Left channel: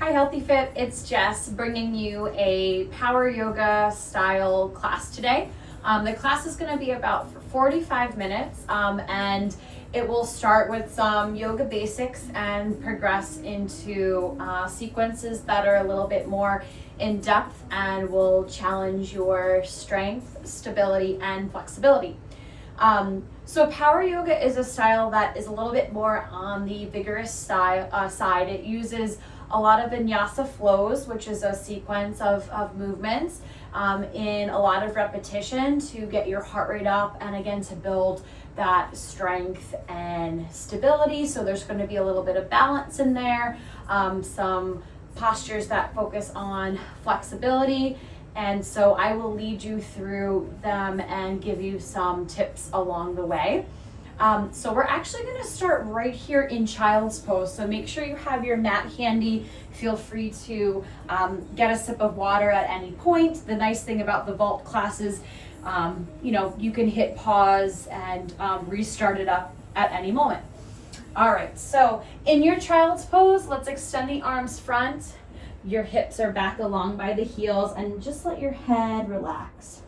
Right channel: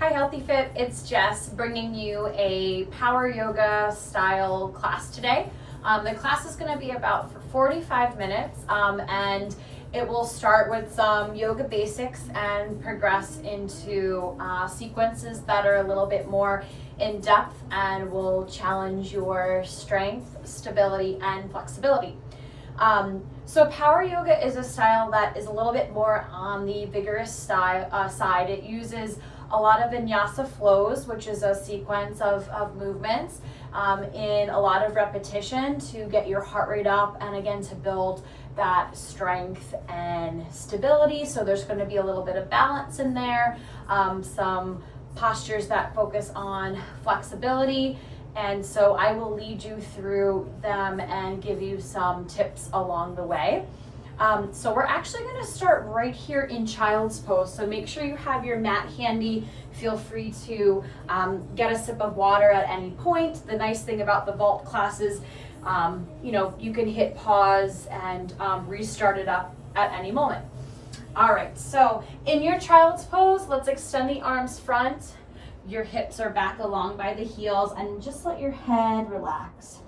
Hi Healthy Fit, it's Jess bringing you a power yoga style class today. The class is going to be about 45 minutes and it will start with some yoga basics and progress into sequences that are a little bit more in depth and will challenge your strength, stability, and flexibility. So power yoga is a style that is a little bit more on the vigorous side. It uses a lot of vinyasa flows, which is a sequence of movements in a lot of repetition to get your heart rate up and again to build that strength and stability. So there's going to be a little bit of balance in there, some postures that focus on flexibility. And so I will lead you through them and give you some tips along the way. So we're actually going to start right here in child's pose. So make sure you have your mat handy. Feel free to get a sip of water at any point. The nice thing about the vault classes, you can hit pause and restart it up at any moment. All right, so in your child's pose, let's extend the arms front. Your hips are back along by the heels and just let your head relax.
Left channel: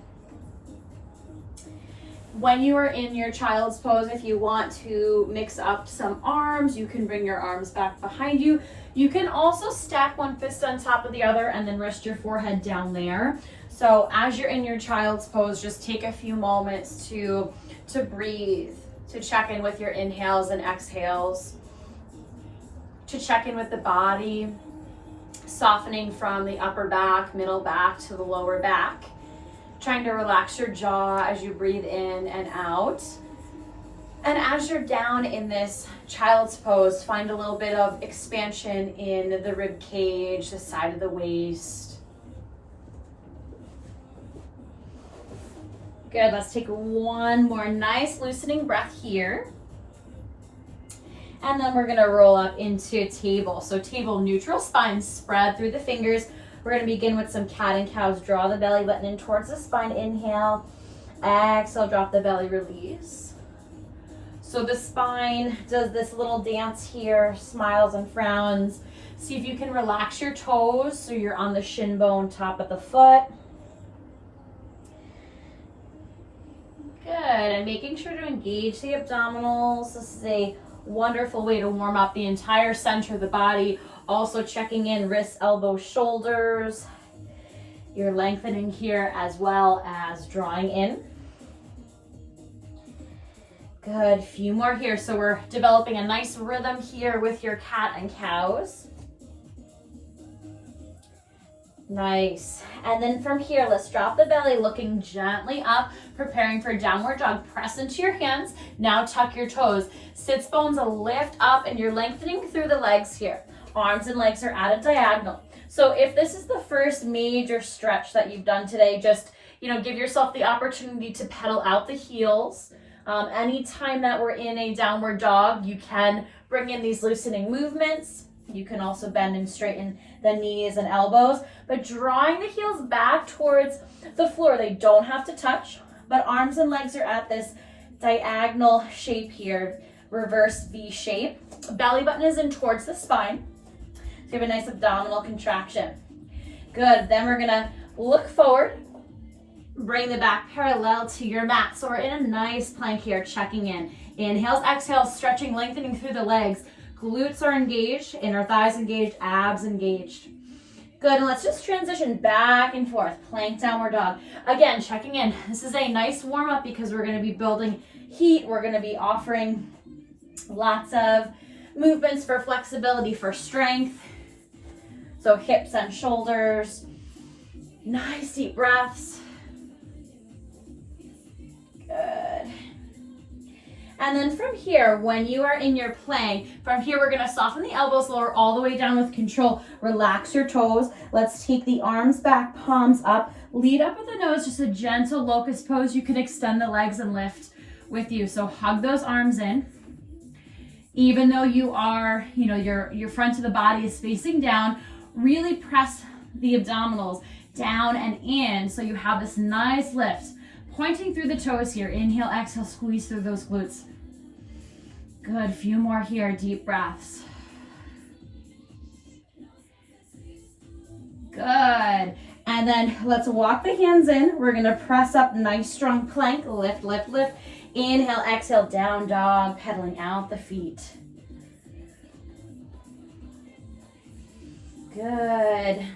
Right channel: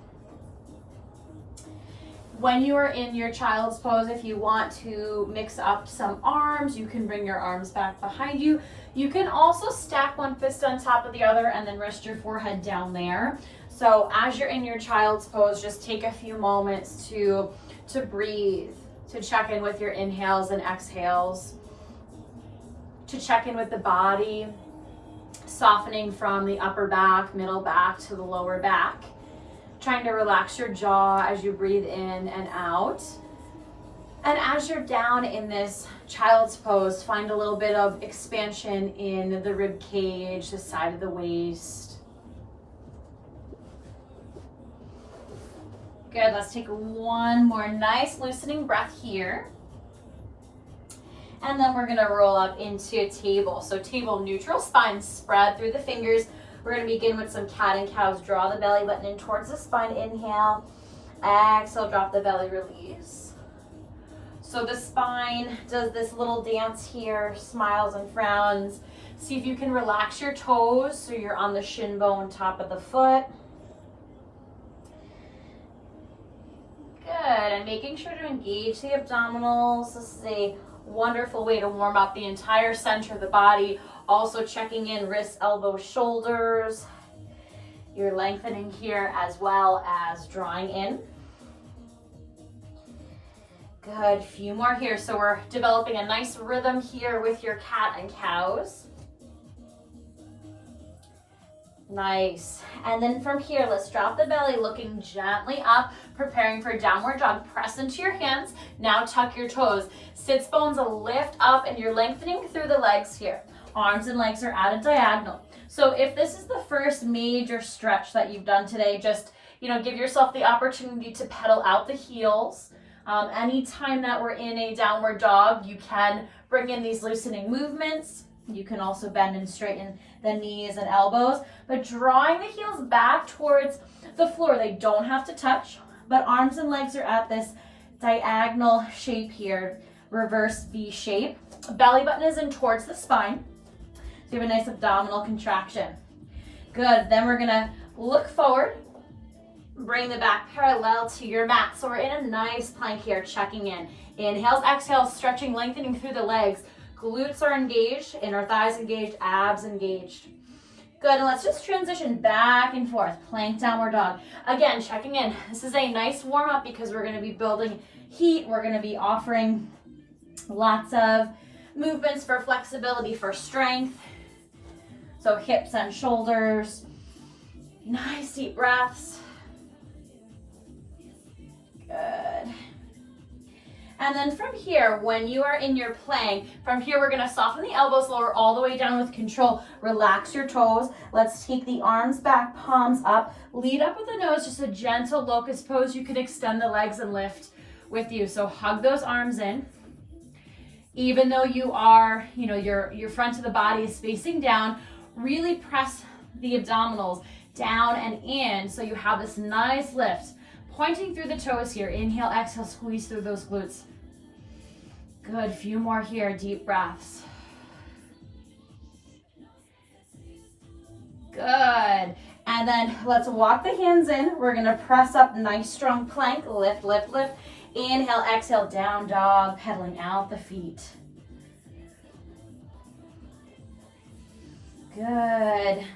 When you are in your child's pose, if you want to mix up some arms, you can bring your arms back behind you. You can also stack one fist on top of the other and then rest your forehead down there. So as you're in your child's pose, just take a few moments to breathe, to check in with your inhales and exhales, to check in with the body, softening from the upper back, middle back to the lower back. Trying to relax your jaw as you breathe in and out. And as you're down in this child's pose, find a little bit of expansion in the rib cage, the side of the waist. Good, let's take one more nice loosening breath here. And then we're gonna roll up into table. So table neutral, spine spread through the fingers. We're going to begin with some cat and cows. Draw the belly button in towards the spine. Inhale. Exhale, drop the belly, release. So the spine does this little dance here, smiles and frowns. See if you can relax your toes so you're on the shin bone, top of the foot. Good, and making sure to engage the abdominals. This is a wonderful way to warm up the entire center of the body. Also checking in wrists, elbows, shoulders. You're lengthening here as well as drawing in. Good, few more here. So we're developing a nice rhythm here with your cat and cows. Nice. And then from here, let's drop the belly, looking gently up, preparing for downward dog. Press into your hands. Now tuck your toes. Sits bones lift up and you're lengthening through the legs here. Arms and legs are at a diagonal. So if this is the first major stretch that you've done today, just give yourself the opportunity to pedal out the heels. Anytime that we're in a downward dog, you can bring in these loosening movements. You can also bend and straighten the knees and elbows, but drawing the heels back towards the floor. They don't have to touch, but arms and legs are at this diagonal shape here, reverse V shape. Belly button is in towards the spine. So you have a nice abdominal contraction. Good, then we're gonna look forward, bring the back parallel to your mat. So we're in a nice plank here, checking in. Inhales, exhales, stretching, lengthening through the legs. Glutes are engaged, inner thighs engaged, abs engaged. Good, and let's just transition back and forth. Plank, downward dog. Again, checking in. This is a nice warm up because we're gonna be building heat. We're gonna be offering lots of movements for flexibility, for strength. So hips and shoulders. Nice deep breaths. Good. And then from here, when you are in your plank, from here we're gonna soften the elbows, lower all the way down with control. Relax your toes. Let's take the arms back, palms up. Lead up with the nose, just a gentle locust pose. You can extend the legs and lift with you. So hug those arms in. Even though you are, your front of the body is facing down, really press the abdominals down and in so you have this nice lift. Pointing through the toes here. Inhale, exhale, squeeze through those glutes. Good, few more here, deep breaths. And then let's walk the hands in. We're gonna press up, nice strong plank, lift, lift, lift. Inhale, exhale, down dog, pedaling out the feet. Good.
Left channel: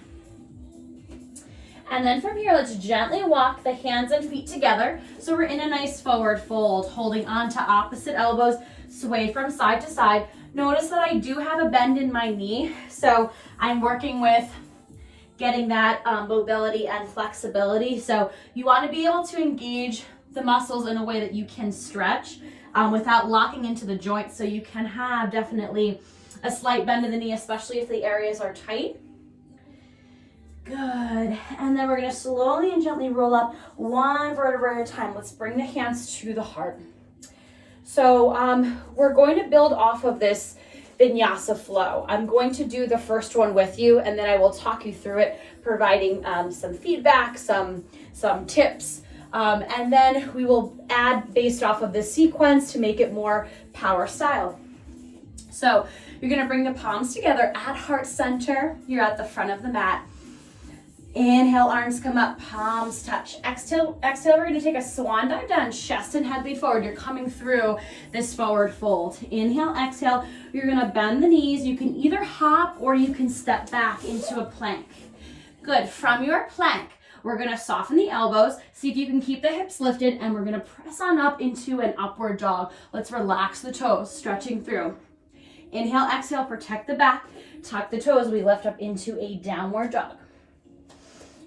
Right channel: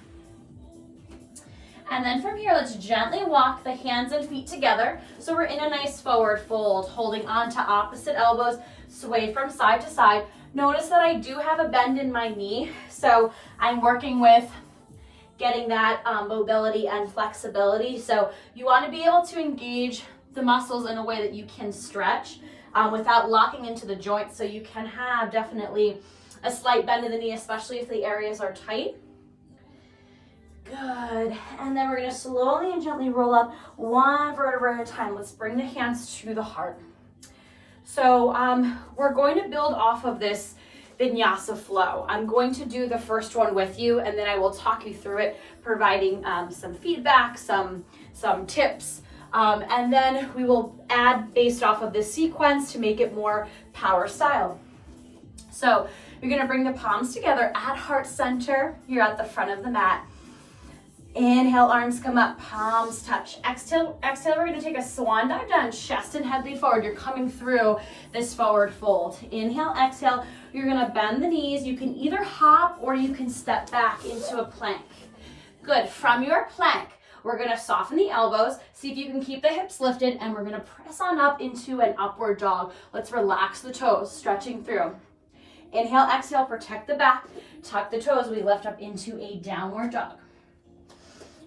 And then from here, let's gently walk the hands and feet together. So we're in a nice forward fold, holding on to opposite elbows, sway from side to side. Notice that I do have a bend in my knee, so I'm working with getting that mobility and flexibility. So you want to be able to engage the muscles in a way that you can stretch without locking into the joint, so you can have definitely a slight bend in the knee, especially if the areas are tight. Good. And then we're going to slowly and gently roll up one vertebra at a time. Let's bring the hands to the heart. So we're going to build off of this vinyasa flow. I'm going to do the first one with you, and then I will talk you through it, providing some feedback, some tips, and then we will add based off of this sequence to make it more power style. So you're going to bring the palms together at heart center. You're at the front of the mat. Inhale, arms come up, palms touch. Exhale, we're gonna take a swan dive down, chest and head lead forward. You're coming through this forward fold. Inhale, exhale, you're gonna bend the knees. You can either hop or you can step back into a plank. Good, from your plank, we're gonna soften the elbows. See if you can keep the hips lifted, and we're gonna press on up into an upward dog. Let's relax the toes, stretching through. Inhale, exhale, protect the back, tuck the toes. We lift up into a downward dog.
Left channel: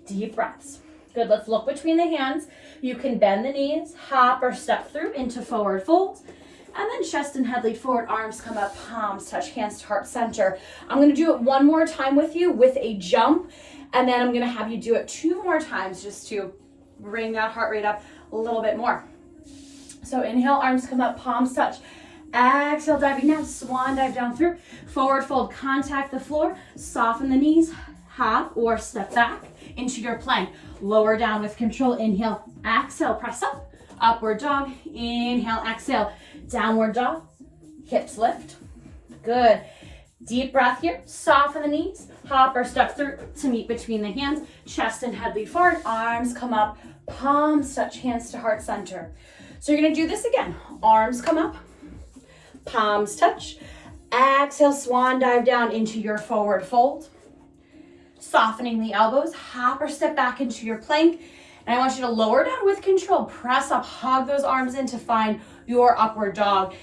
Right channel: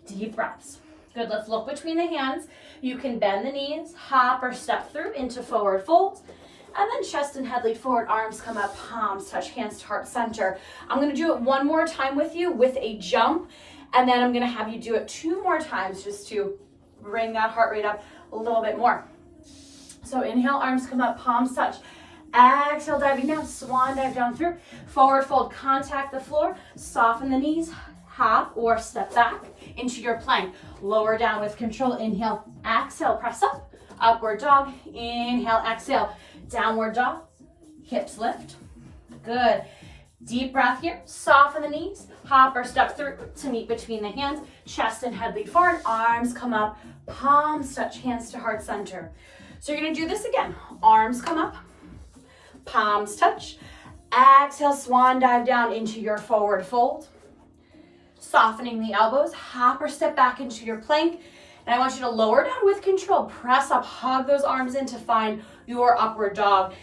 Deep breaths. Good, let's look between the hands. You can bend the knees, hop or step through into forward folds, and then chest and head lead forward, arms come up, palms touch, hands to heart center. I'm gonna do it one more time with you with a jump, and then I'm gonna have you do it 2 more times just to bring that heart rate up a little bit more. So inhale, arms come up, palms touch. Exhale, diving down, swan dive down through, forward fold, contact the floor, soften the knees, hop or step back into your plank. Lower down with control. Inhale, exhale, press up. Upward dog. Inhale, exhale. Downward dog. Hips lift. Good. Deep breath here. Soften the knees. Hop or step through to meet between the hands. Chest and head lead forward. Arms come up. Palms touch. Hands to heart center. So you're going to do this again. Arms come up. Palms touch. Exhale, swan dive down into your forward fold. Softening the elbows, hop or step back into your plank. And I want you to lower down with control. Press up, hug those arms in to find your upward dog.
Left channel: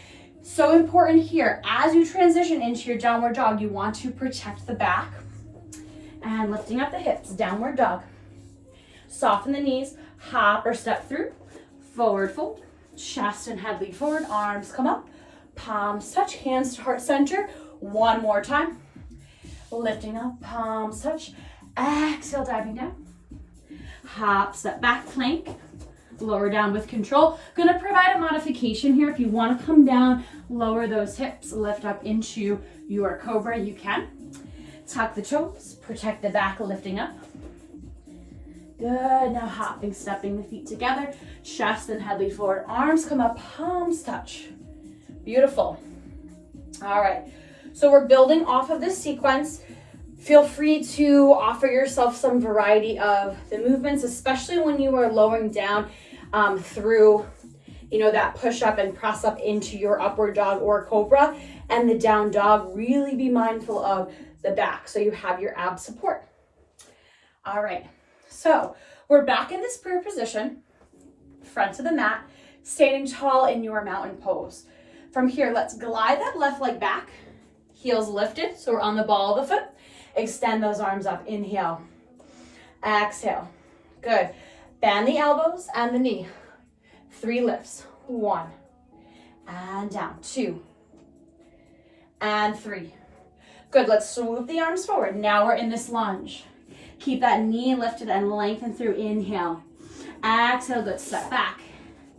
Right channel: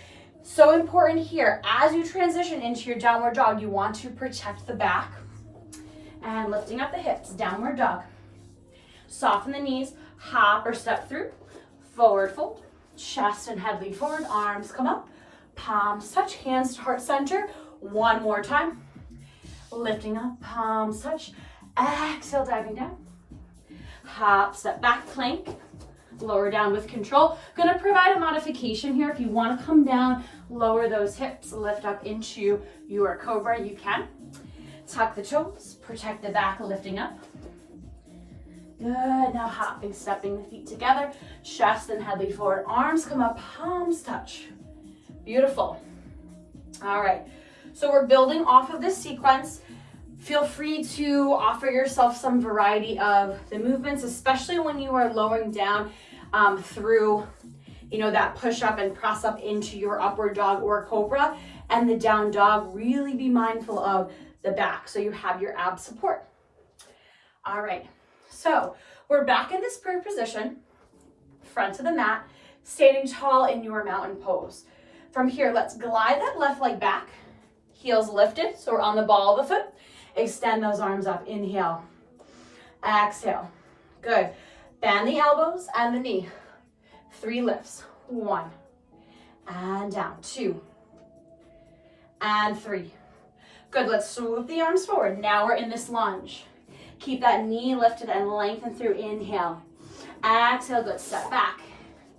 So important here, as you transition into your downward dog, you want to protect the back. And lifting up the hips, downward dog. Soften the knees, hop or step through. Forward fold, chest and head lead forward, arms come up. Palms touch, hands to heart center. One more time. Lifting up, palms touch. Exhale, diving down. Hop, step back, plank. Lower down with control. Gonna provide a modification here. If you wanna come down, lower those hips, lift up into your cobra, you can. Tuck the toes, protect the back, lifting up. Good, now hopping, stepping the feet together. Chest and head lead forward, arms come up, palms touch. Beautiful. All right. So we're building off of this sequence. Feel free to offer yourself some variety of the movements, especially when you are lowering down through, that push up and press up into your upward dog or cobra, and the down dog. Really be mindful of the back so you have your ab support. All right. So we're back in this prayer position, front of the mat, standing tall in your mountain pose. From here, let's glide that left leg back. Heels lifted, so we're on the ball of the foot. Extend those arms up. Inhale. Exhale. Good. Bend the elbows and the knee. 3 lifts. 1. And down. 2. And 3. Good. Let's swoop the arms forward. Now we're in this lunge. Keep that knee lifted and lengthen through. Inhale. Exhale. Good. Step back.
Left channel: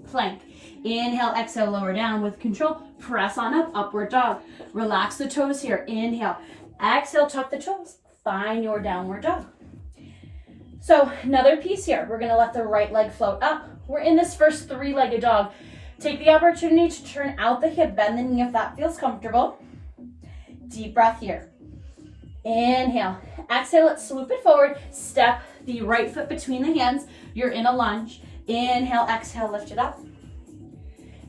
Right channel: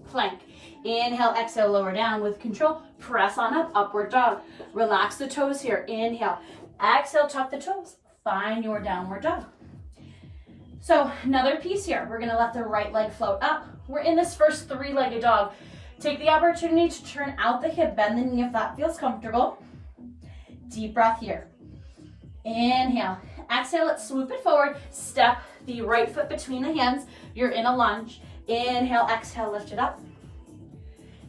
Plank. Inhale, exhale, lower down with control. Press on up, upward dog. Relax the toes here. Inhale, exhale, tuck the toes. Find your downward dog. So another piece here. We're gonna let the right leg float up. We're in this first 3-legged dog. Take the opportunity to turn out the hip, bend the knee if that feels comfortable. Deep breath here. Inhale. Exhale, let's swoop it forward. Step the right foot between the hands. You're in a lunge. Inhale, exhale, lift it up.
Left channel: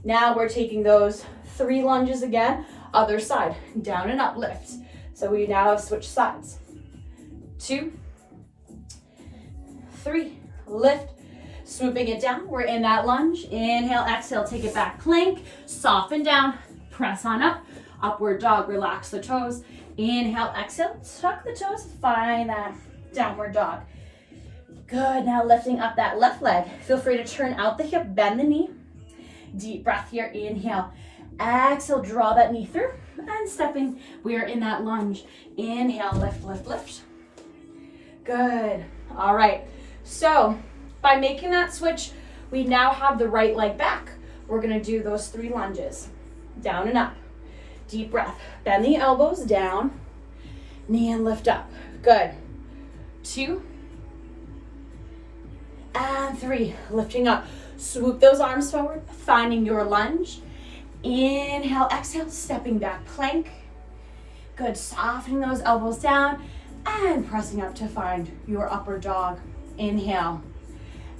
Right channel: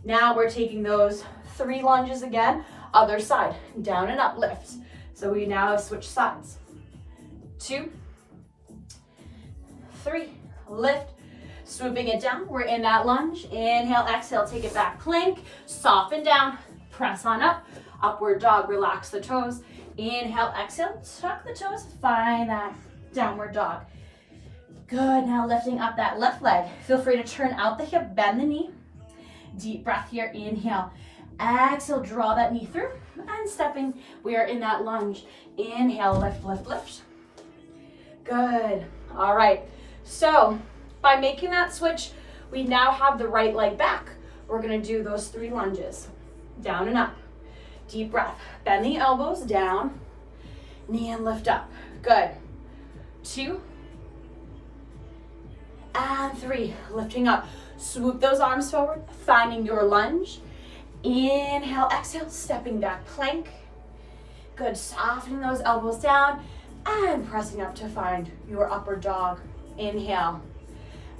Now we're taking those 3 lunges again. Other side, down and up, lift. So we now have switched sides. 2, 3, lift. Swooping it down, we're in that lunge. Inhale, exhale, take it back, plank. Soften down, press on up. Upward dog, relax the toes. Inhale, exhale, tuck the toes, find that downward dog. Good, now lifting up that left leg. Feel free to turn out the hip, bend the knee. Deep breath here, inhale. Exhale, draw that knee through. And stepping, we are in that lunge. Inhale, lift, lift, lift. Good, all right. So, by making that switch, we now have the right leg back. We're gonna do those 3 lunges. Down and up. Deep breath. Bend the elbows down. Knee and lift up. Good. 2. And 3. Lifting up. Swoop those arms forward, finding your lunge. Inhale, exhale, stepping back, plank. Good, softening those elbows down and pressing up to find your upward dog. Inhale.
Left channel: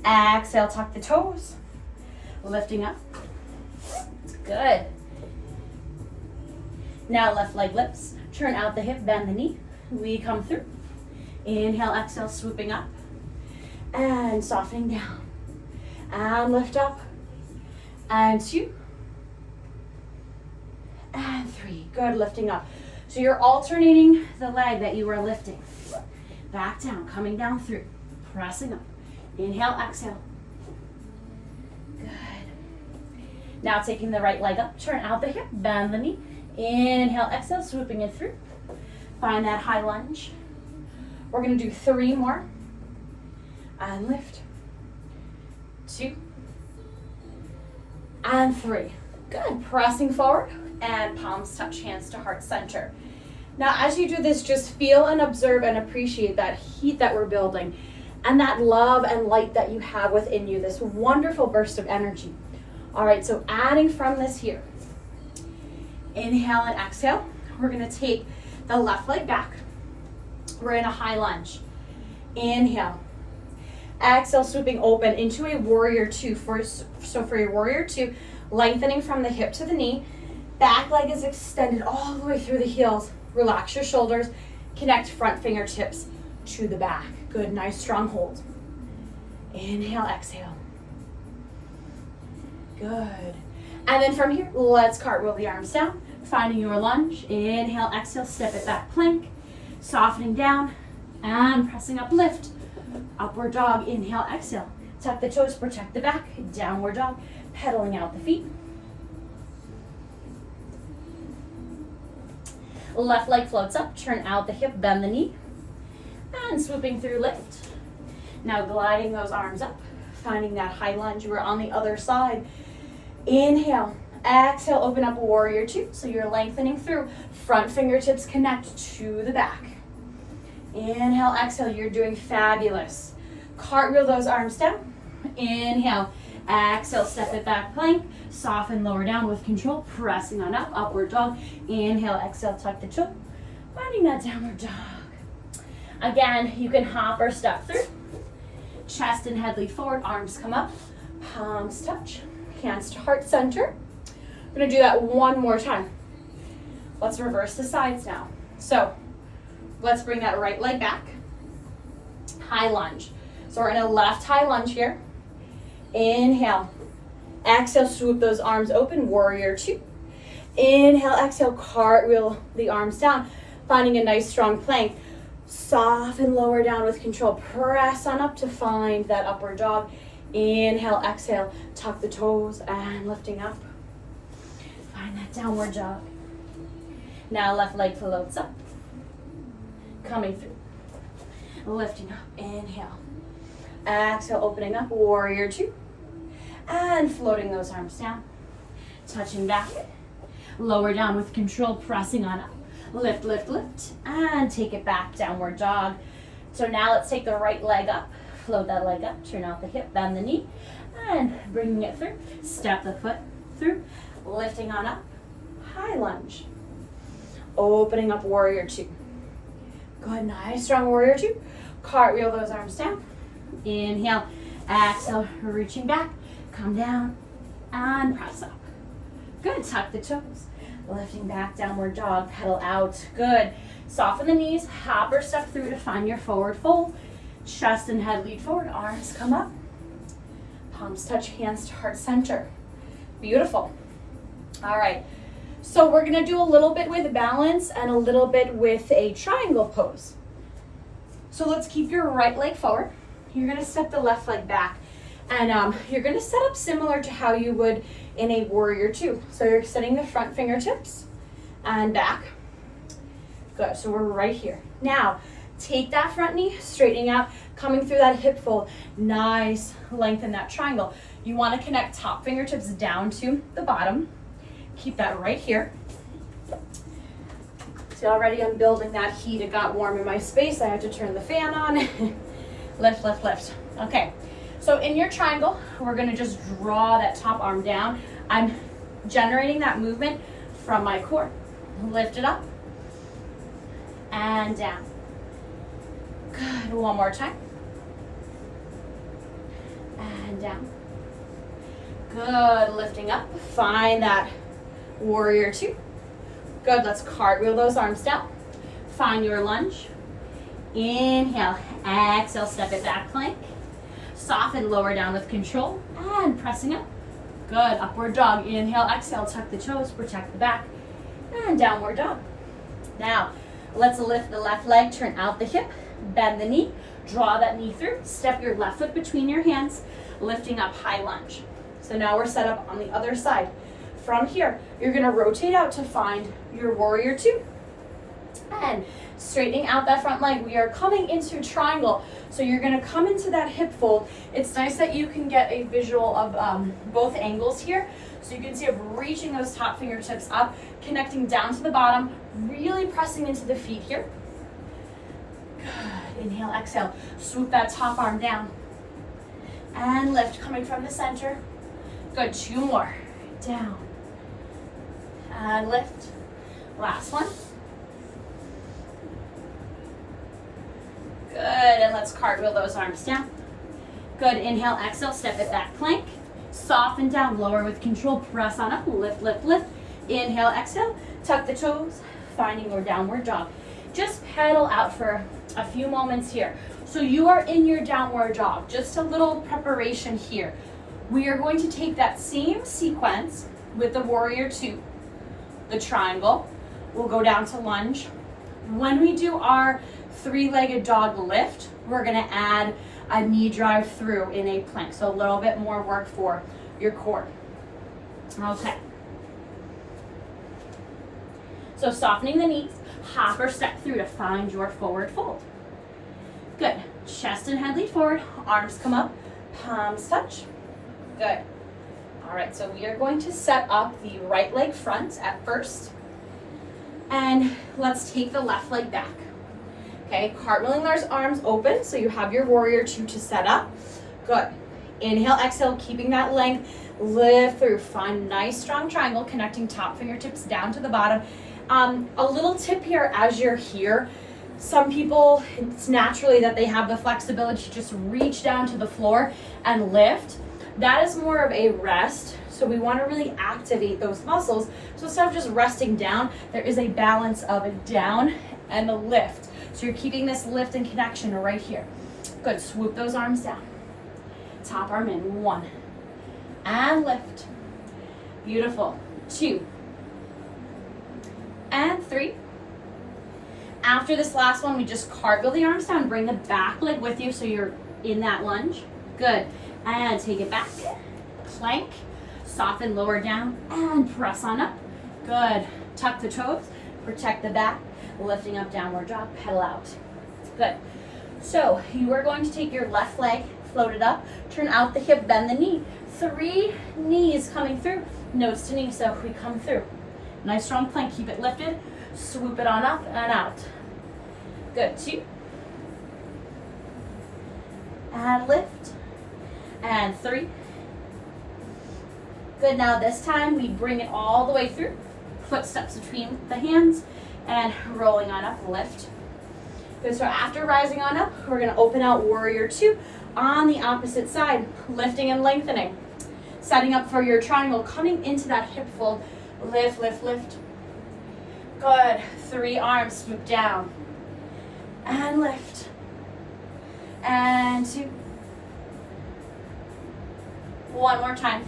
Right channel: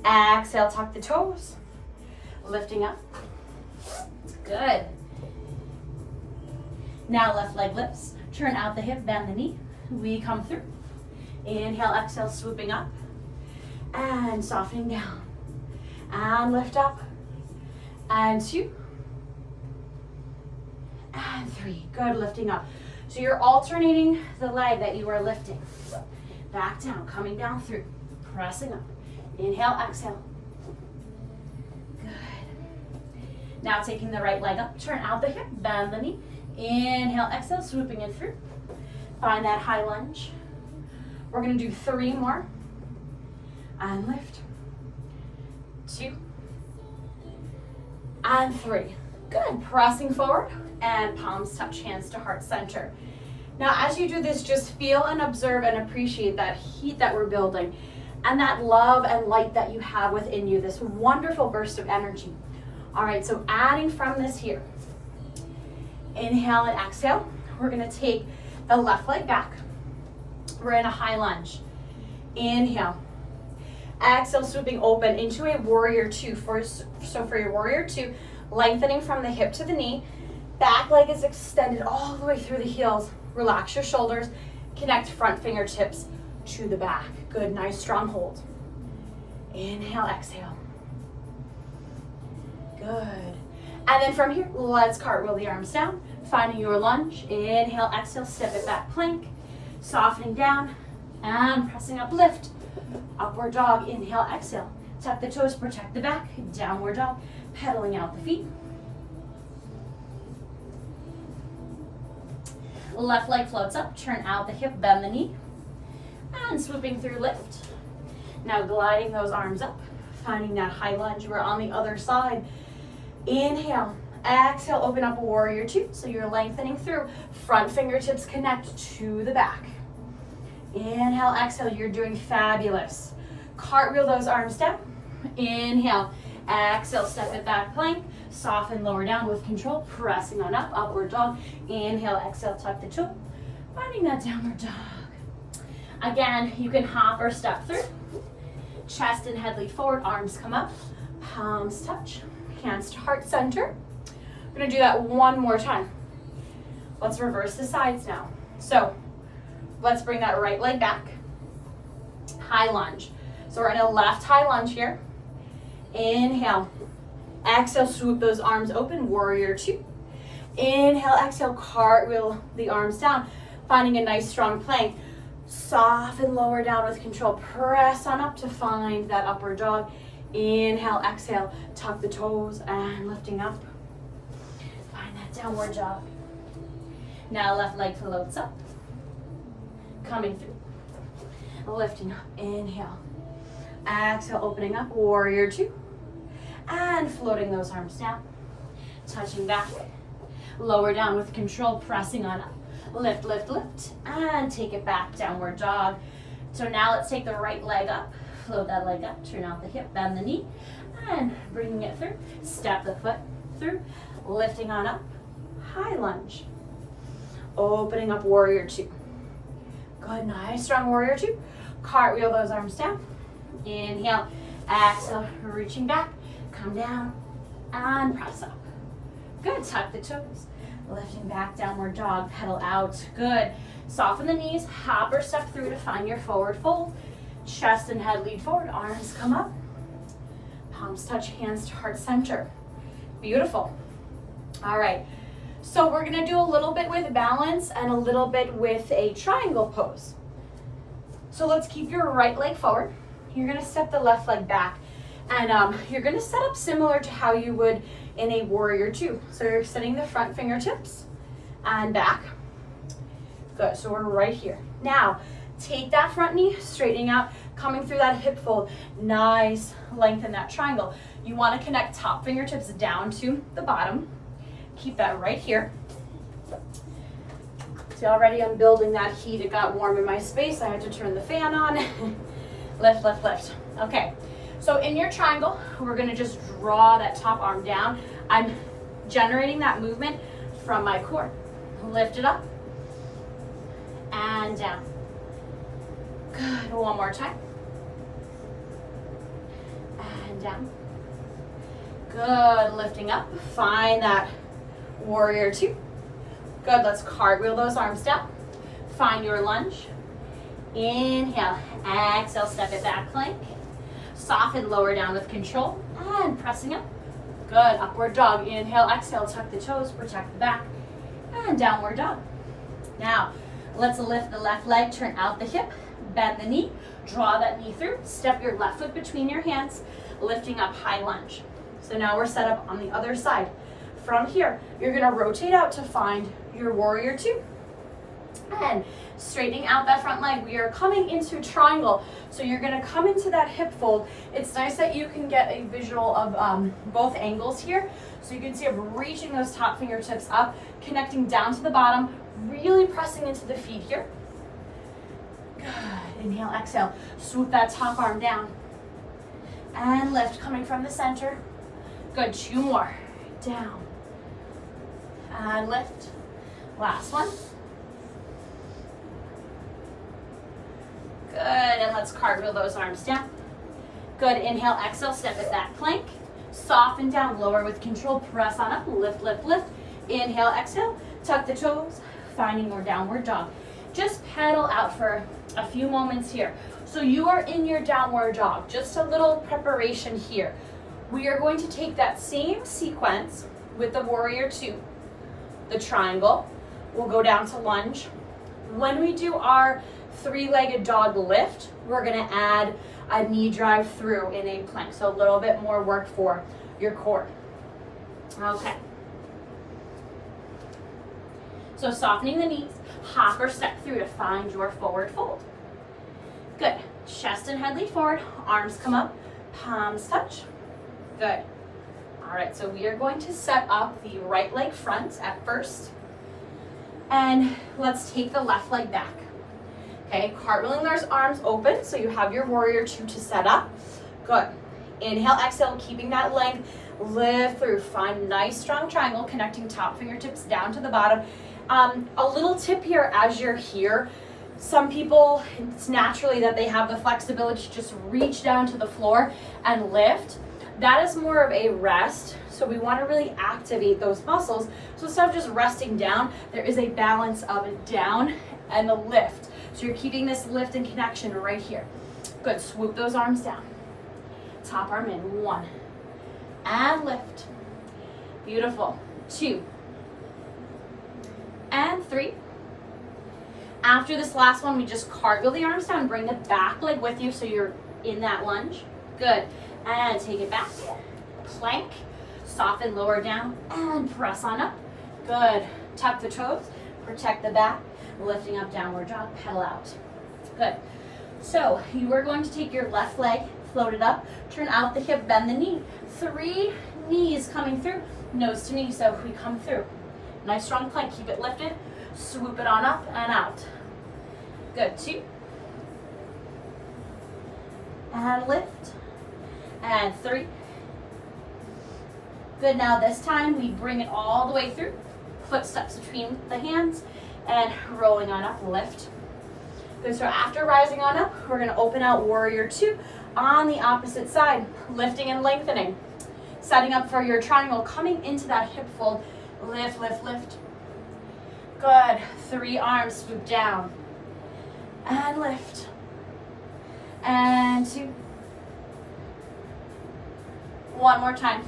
Exhale, tuck the toes. Lifting up. Good. Now left leg lifts. Turn out the hip, bend the knee. We come through. Inhale, exhale, swooping up. And softening down. And lift up. And 2. And 3. Good, lifting up. So you're alternating the leg that you were lifting. Back down, coming down through. Pressing up. Inhale, exhale. Good. Now taking the right leg up, turn out the hip, bend the knee. Inhale, exhale, swooping it through. Find that high lunge. We're gonna do 3 more. And lift. 2. And 3. Good, pressing forward and palms touch, hands to heart center. Now as you do this, just feel and observe and appreciate that heat that we're building and that love and light that you have within you, this wonderful burst of energy. All right, so adding from this here. Inhale and exhale. We're gonna take the left leg back. We're in a high lunge. Inhale. Exhale, swooping open into a warrior 2. So for your warrior 2, lengthening from the hip to the knee. Back leg is extended all the way through the heels. Relax your shoulders. Connect front fingertips to the back. Good, nice strong hold. Inhale, exhale. Good. And then from here, let's cartwheel the arms down, finding your lunge. Inhale, exhale, step it back, plank. Softening down and pressing up, lift. Upward dog, inhale, exhale. Tuck the toes, protect the back. Downward dog, pedaling out the feet. Left leg floats up, turn out the hip, bend the knee. And swooping through, lift. Now gliding those arms up, finding that high lunge. We're on the other side. Inhale, exhale, open up warrior 2. So you're lengthening through. Front fingertips connect to the back. Inhale, exhale, you're doing fabulous. Cartwheel those arms down. Inhale, exhale, step it back, plank. Soften, lower down with control, pressing on up, upward dog. Inhale, exhale, tuck the toe. Finding that downward dog. Again, you can hop or step through. Chest and head lead forward, arms come up, palms touch, hands to heart center. We're gonna do that one more time. Let's reverse the sides now. So let's bring that right leg back. High lunge. So we're in a left high lunge here. Inhale. Exhale, swoop those arms open, warrior 2. Inhale, exhale, cartwheel the arms down, finding a nice strong plank. Soften, lower down with control. Press on up to find that upward dog. Inhale, exhale, tuck the toes and lifting up. Find that downward dog. Now left leg floats up. Coming through. Lifting up, inhale. Exhale, opening up, warrior 2. And floating those arms down. Touching back. Lower down with control, pressing on up. Lift, lift, lift, and take it back, downward dog. So now let's take the right leg up. Float that leg up, turn out the hip, bend the knee, and bringing it through. Step the foot through, lifting on up. High lunge. Opening up, warrior 2. Good, nice, strong warrior two. Cartwheel those arms down. Inhale, exhale, reaching back, come down, and press up. Good, tuck the toes. Lifting back, downward dog, pedal out. Good. Soften the knees, hop or step through to find your forward fold. Chest and head lead forward, arms come up. Palms touch, hands to heart center. Beautiful. All right, so we're gonna do a little bit with balance and a little bit with a triangle pose. So let's keep your right leg forward. You're gonna step the left leg back. And you're gonna set up similar to how you would in a warrior two. So you're extending the front fingertips and back. Good, so we're right here. Now, take that front knee, straightening out, coming through that hip fold. Nice length in that triangle. You wanna connect top fingertips down to the bottom. Keep that right here. See, already I'm building that heat. It got warm in my space. I had to turn the fan on. Lift, lift, lift. Okay. So in your triangle, we're gonna just draw that top arm down. I'm generating that movement from my core. Lift it up and down. Good, one more time. And down. Good, lifting up. Find that warrior two. Good, let's cartwheel those arms down. Find your lunge. Inhale, exhale, step it back, plank. Soften, lower down with control, and pressing up. Good, upward dog. Inhale, exhale, tuck the toes, protect the back, and downward dog. Now, let's lift the left leg, turn out the hip, bend the knee, draw that knee through, step your left foot between your hands, lifting up high lunge. So now we're set up on the other side. From here, you're gonna rotate out to find your warrior two. And straightening out that front leg, we are coming into triangle. So you're gonna come into that hip fold. It's nice that you can get a visual of both angles here. So you can see I'm reaching those top fingertips up, connecting down to the bottom, really pressing into the feet here. Good, inhale, exhale, swoop that top arm down. And lift, coming from the center. Good, two more, down. And lift, last one. Good, and let's cartwheel those arms down. Good, inhale, exhale, step it back, plank. Soften down, lower with control, press on up, lift, lift, lift. Inhale, exhale, tuck the toes, finding your downward dog. Just pedal out for a few moments here. So you are in your downward dog, just a little preparation here. We are going to take that same sequence with the warrior two, the triangle. We'll go down to lunge. When we do our three-legged dog lift, we're gonna add a knee drive through in a plank. So a little bit more work for your core. Okay. So softening the knees, hop or step through to find your forward fold. Good, chest and head lead forward, arms come up, palms touch. Good. All right, so we are going to set up the right leg front at first. And let's take the left leg back. Okay, cartwheeling those arms open so you have your warrior two to set up. Good. Inhale, exhale, keeping that length. Lift through. Find nice strong triangle connecting top fingertips down to the bottom. A little tip here as you're here. Some people, it's naturally that they have the flexibility to just reach down to the floor and lift. That is more of a rest. So we want to really activate those muscles. So instead of just resting down, there is a balance of a down and a lift. So you're keeping this lift and connection right here. Good, swoop those arms down. Top arm in, one. And lift. Beautiful, two. And three. After this last one, we just cartwheel the arms down, bring the back leg with you so you're in that lunge. Good, and take it back. Plank, soften, lower down, and press on up. Good, tuck the toes, protect the back. Lifting up, downward dog, pedal out. Good. So you are going to take your left leg, float it up, turn out the hip, bend the knee. 3 knees coming through, nose to knee, so if we come through. Nice strong plank, keep it lifted, swoop it on up and out. Good, 2. And lift. And 3. Good, now this time we bring it all the way through. Footsteps between the hands. And rolling on up, lift. Good, so after rising on up, we're gonna open out warrior two on the opposite side, lifting and lengthening. Setting up for your triangle, coming into that hip fold, lift, lift, lift. Good, 3 arms, swoop down, and lift, and 2. One more time.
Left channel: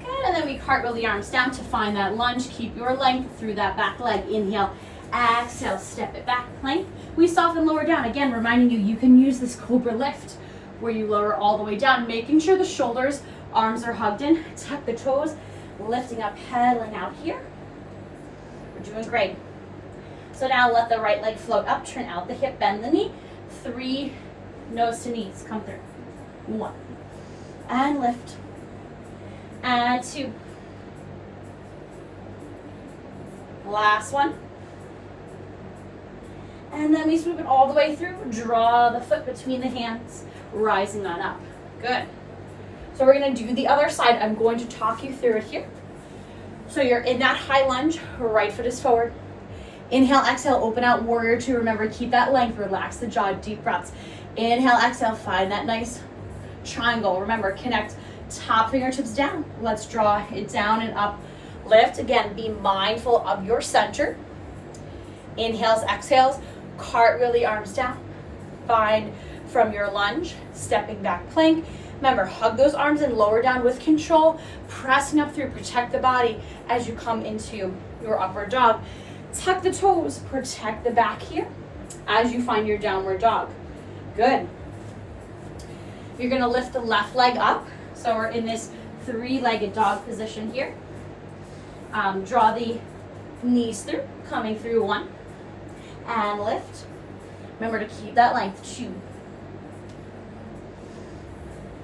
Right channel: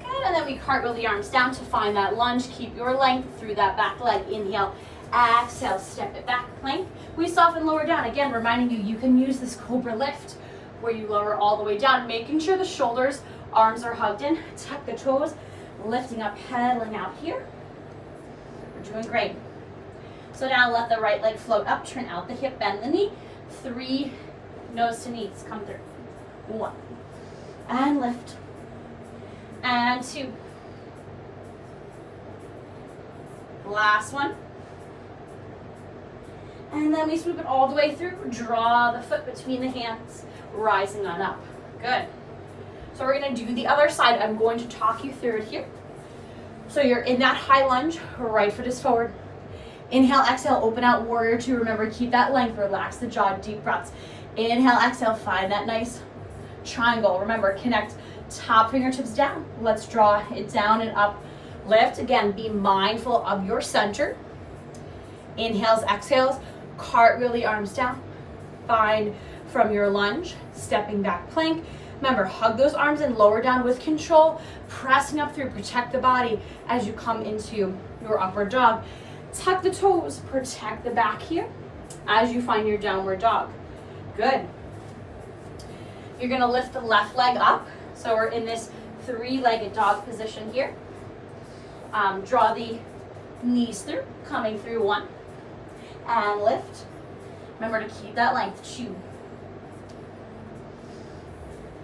Good, and then we cartwheel the arms down to find that lunge. Keep your length through that back leg. Inhale, exhale, step it back, plank. We soften, lower down. Again, reminding you, you can use this cobra lift where you lower all the way down, making sure the shoulders, arms are hugged in, tuck the toes, lifting up, pedaling out here. We're doing great. So now let the right leg float up, turn out the hip, bend the knee. 3, nose to knees, come through. 1, and lift, and 2. Last one. And then we swoop it all the way through, draw the foot between the hands, rising on up. Good. So we're gonna do the other side. I'm going to talk you through it here. So you're in that high lunge, right foot is forward. Inhale, exhale, open out warrior two. Remember, keep that length, relax the jaw, deep breaths. Inhale, exhale, find that nice triangle. Remember, connect top fingertips down. Let's draw it down and up. Lift, again, be mindful of your center. Inhales, exhales, cartwheel the arms down. Find from your lunge, stepping back plank. Remember, hug those arms and lower down with control, pressing up through, protect the body as you come into your upward dog. Tuck the toes, protect the back here as you find your downward dog. Good. You're gonna lift the left leg up. So we're in this 3-legged dog position here. Draw the knees through, coming through 1, and lift. Remember to keep that length, 2.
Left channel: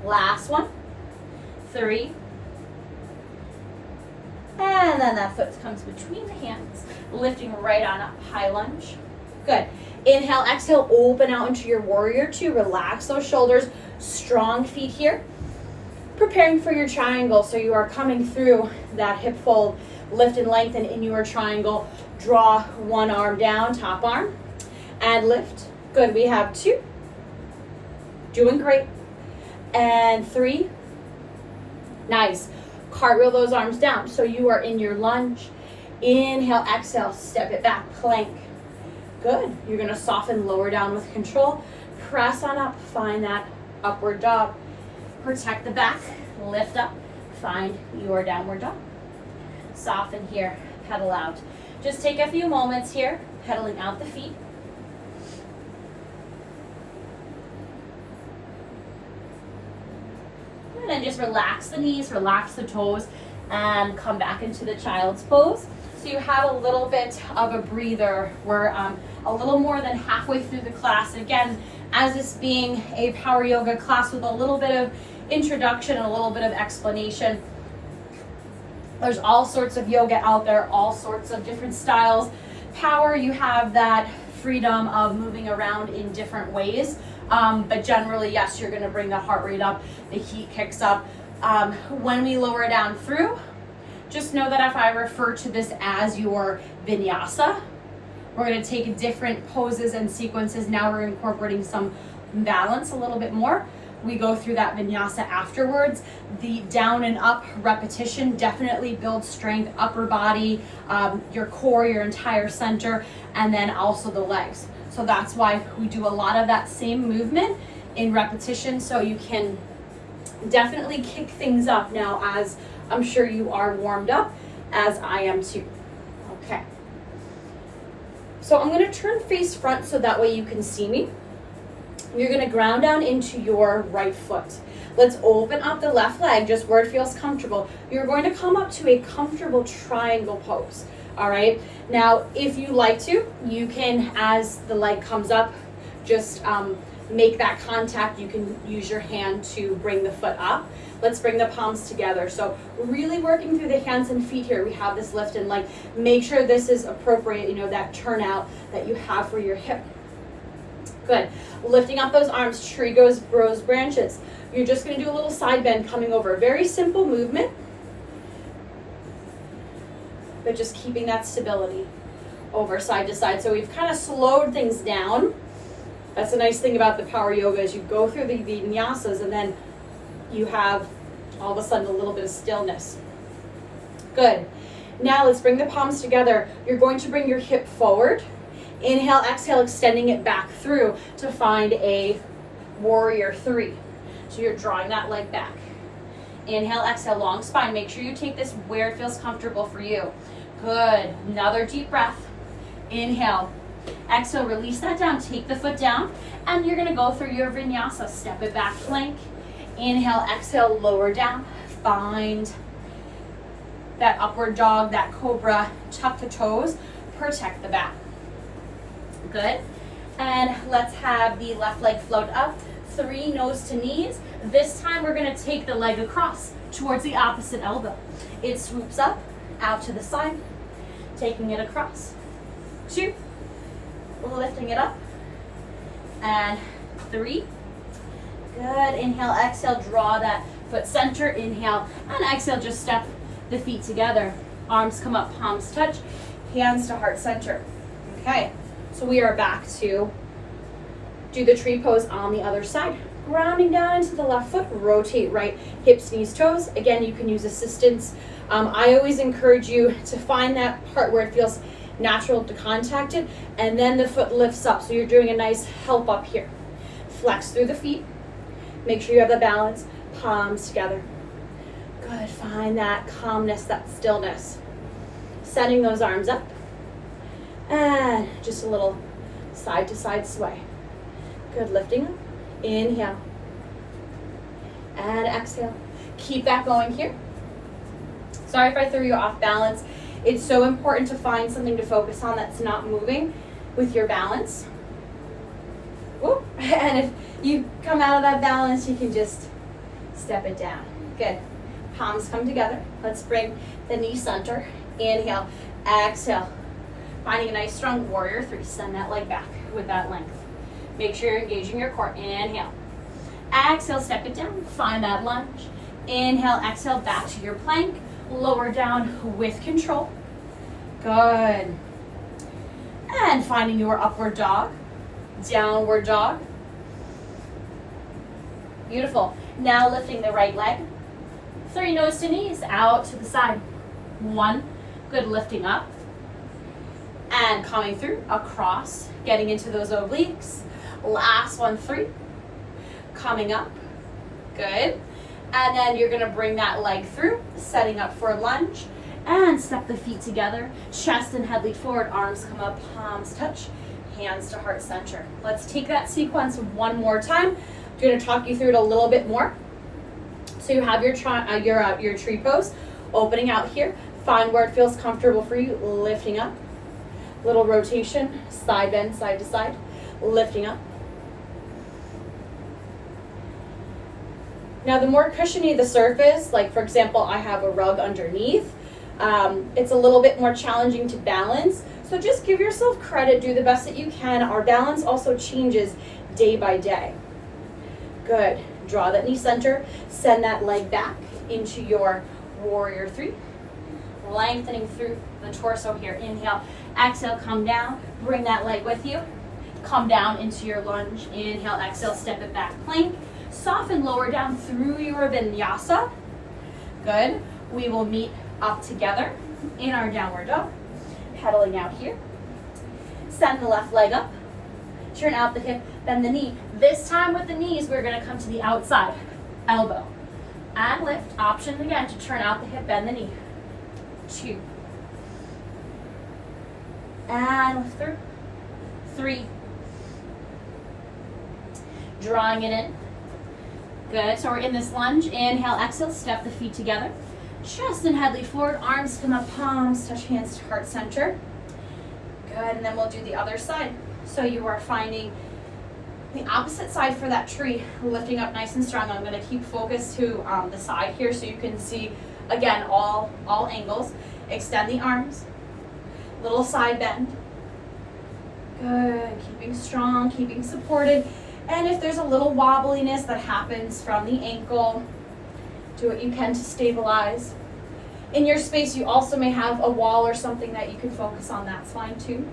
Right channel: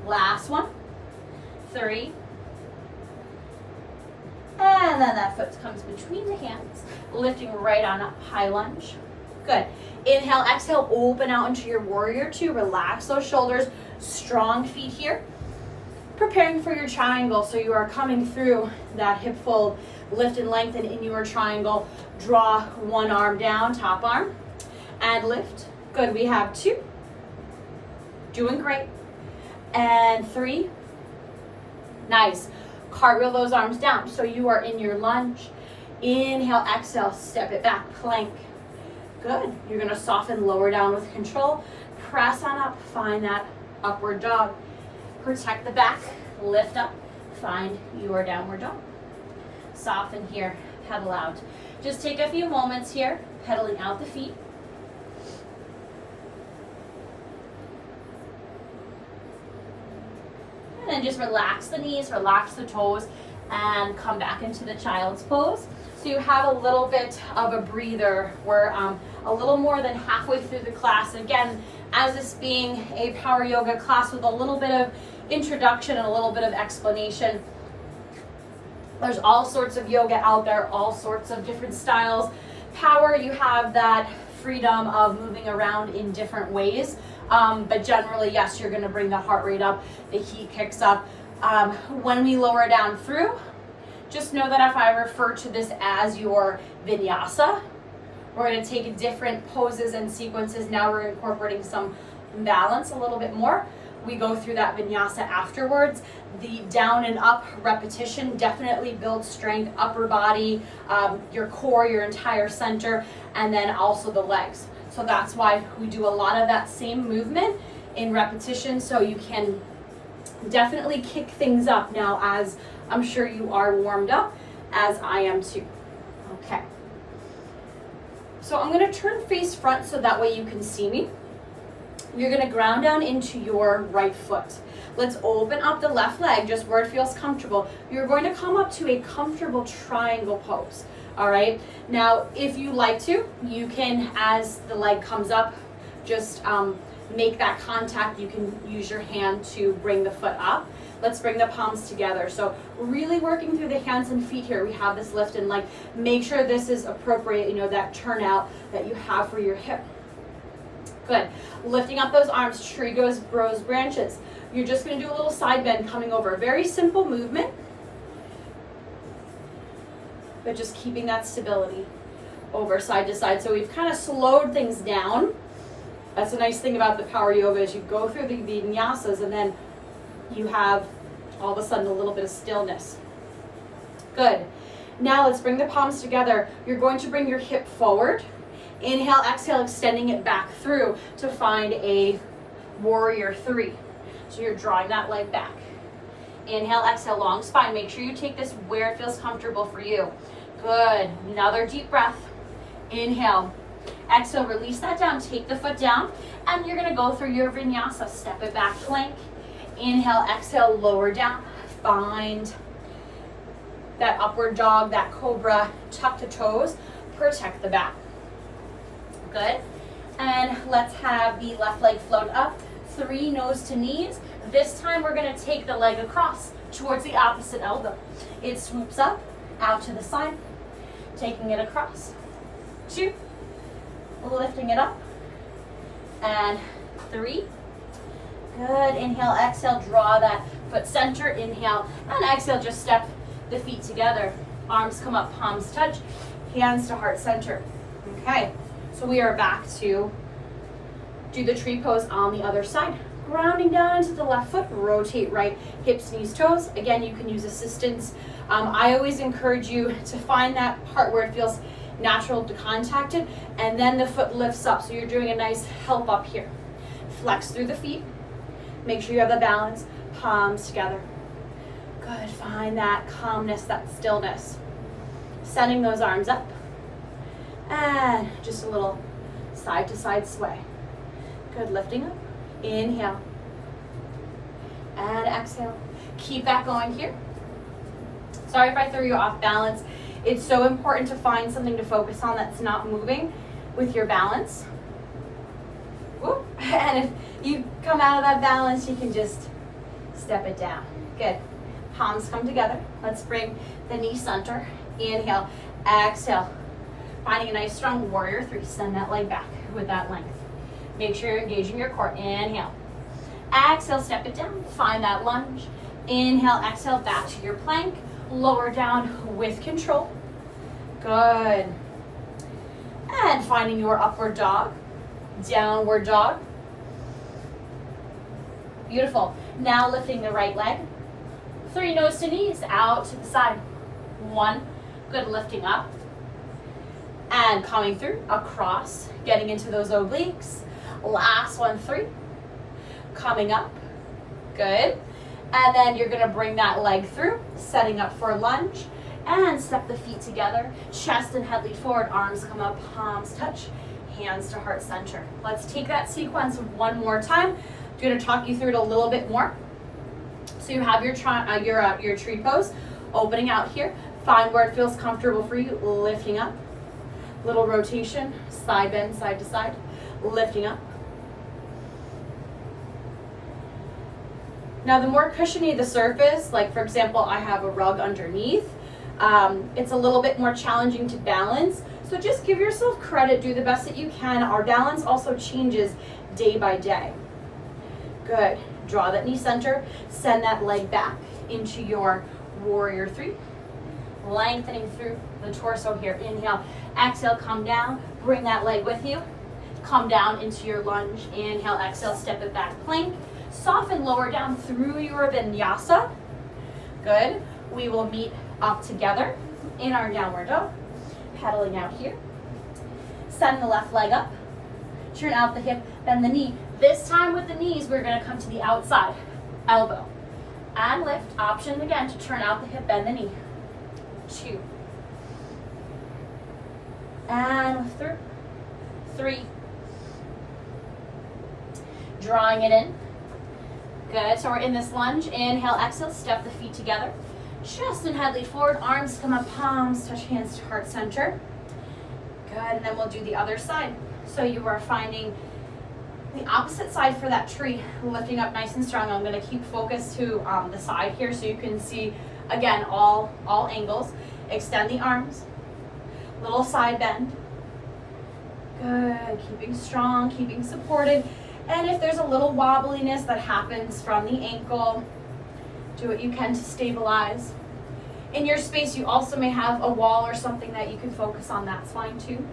Last one, 3. And then that foot comes between the hands, lifting right on up, high lunge. Good. Inhale, exhale, open out into your warrior two. Relax those shoulders, strong feet here. Preparing for your triangle, so you are coming through that hip fold, lift and lengthen in your triangle. Draw one arm down, top arm, and lift. Good, we have 2. Doing great. And 3. Nice. Cartwheel those arms down. So you are in your lunge. Inhale, exhale, step it back, plank. Good. You're gonna soften, lower down with control. Press on up, find that upward dog. Protect the back, lift up, find your downward dog. Soften here, pedal out. Just take a few moments here, pedaling out the feet. And then just relax the knees, relax the toes, and come back into the child's pose. So you have a little bit of a breather. We're a little more than halfway through the class. Again, as this being a power yoga class with a little bit of introduction and a little bit of explanation. There's all sorts of yoga out there, all sorts of different styles. Power, you have that freedom of moving around in different ways. But generally, yes, you're gonna bring the heart rate up, the heat kicks up. When we lower down through, just know that if I refer to this as your vinyasa, we're gonna take different poses and sequences. Now we're incorporating some balance a little bit more. We go through that vinyasa afterwards. The down and up repetition definitely builds strength, upper body, your core, your entire center, and then also the legs. So that's why we do a lot of that same movement in repetition, so you can definitely kick things up now, as I'm sure you are warmed up, as I am too. Okay. So I'm gonna turn face front so that way you can see me. You're gonna ground down into your right foot. Let's open up the left leg, just where it feels comfortable. You're going to come up to a comfortable triangle pose, all right? Now, if you like to, you can, as the leg comes up, just make that contact. You can use your hand to bring the foot up. Let's bring the palms together. So really working through the hands and feet here. We have this lift and leg. Make sure this is appropriate, you know, that turnout that you have for your hip. Good. Lifting up those arms, tree grows branches. You're just going to do a little side bend coming over. Very simple movement, but just keeping that stability. over side to side. So we've kind of slowed things down. That's the nice thing about the power yoga is you go through the vinyasas and then you have all of a sudden a little bit of stillness. Good. Now let's bring the palms together. You're going to bring your hip forward. Inhale, exhale, extending it back through to find a warrior three. So you're drawing that leg back. Inhale, exhale, long spine. Make sure you take this where it feels comfortable for you. Good. Another deep breath. Inhale. Exhale, release that down. Take the foot down. And you're going to go through your vinyasa. Step it back, plank. Inhale, exhale, lower down. Find that upward dog, that cobra. Tuck the toes. Protect the back. Good. And let's have the left leg float up. 3 nose to knees. This time we're going to take the leg across towards the opposite elbow. It swoops up, out to the side, taking it across. 2, lifting it up, and 3. Good. Inhale, exhale, draw that foot center. Inhale, and exhale, just step the feet together. Arms come up, palms touch, hands to heart center. Okay, so we are back to do the tree pose on the other side. Grounding down into the left foot, rotate right, hips, knees, toes. Again, you can use assistance. I always encourage you to find that part where it feels natural to contact it, and then the foot lifts up. So you're doing a nice help up here. Flex through the feet. Make sure you have the balance, palms together. Good, find that calmness, that stillness. Sending those arms up. And just a little side to side sway. Good, lifting up. Inhale. And exhale. Keep that going here. Sorry if I threw you off balance. It's so important to find something to focus on that's not moving with your balance. Whoop. And if you come out of that balance, you can just step it down. Good. Palms come together. Let's bring the knee center. Inhale. Exhale. Finding a nice strong warrior three. Send that leg back with that length. Make sure you're engaging your core. Inhale. Exhale, step it down. Find that lunge. Inhale, exhale, back to your plank. Lower down with control. Good. And finding your upward dog. Downward dog. Beautiful. Now lifting the right leg. 3 nose to knees, out to the side. 1. Good, lifting up. And coming through, across, getting into those obliques. Last one, 3. Coming up. Good. And then you're gonna bring that leg through, setting up for a lunge. And step the feet together. Chest and head lead forward, arms come up, palms touch, hands to heart center. Let's take that sequence one more time. I'm gonna talk you through it a little bit more. So you have your tree pose, opening out here. Find where it feels comfortable for you, lifting up. Little rotation, side bend, side to side, lifting up. Now the more cushiony the surface, like for example, I have a rug underneath, it's a little bit more challenging to balance. So just give yourself credit, do the best that you can. Our balance also changes day by day. Good, draw that knee center, send that leg back into your warrior three. Lengthening through the torso here, inhale, exhale, come down, bring that leg with you. Come down into your lunge, inhale, exhale, step it back, plank. Soften lower down through your vinyasa. Good. We will meet up together in our downward dog. Pedaling out here. Send the left leg up. Turn out the hip, bend the knee. This time with the knees, we're going to come to the outside. Elbow. And lift. Option again to turn out the hip, bend the knee. 2. And lift through. 3. Drawing it in. Good, so we're in this lunge. Inhale, exhale, step the feet together. Chest and head lead forward, arms come up, palms touch hands to heart center. Good, and then we'll do the other side. So you are finding the opposite side for that tree, lifting up nice and strong. I'm gonna keep focus to the side here so you can see, again, all angles. Extend the arms, little side bend. Good, keeping strong, keeping supported. And if there's a little wobbliness that happens from the ankle, do what you can to stabilize. In your space, you also may have a wall or something that you can focus on. That's fine too.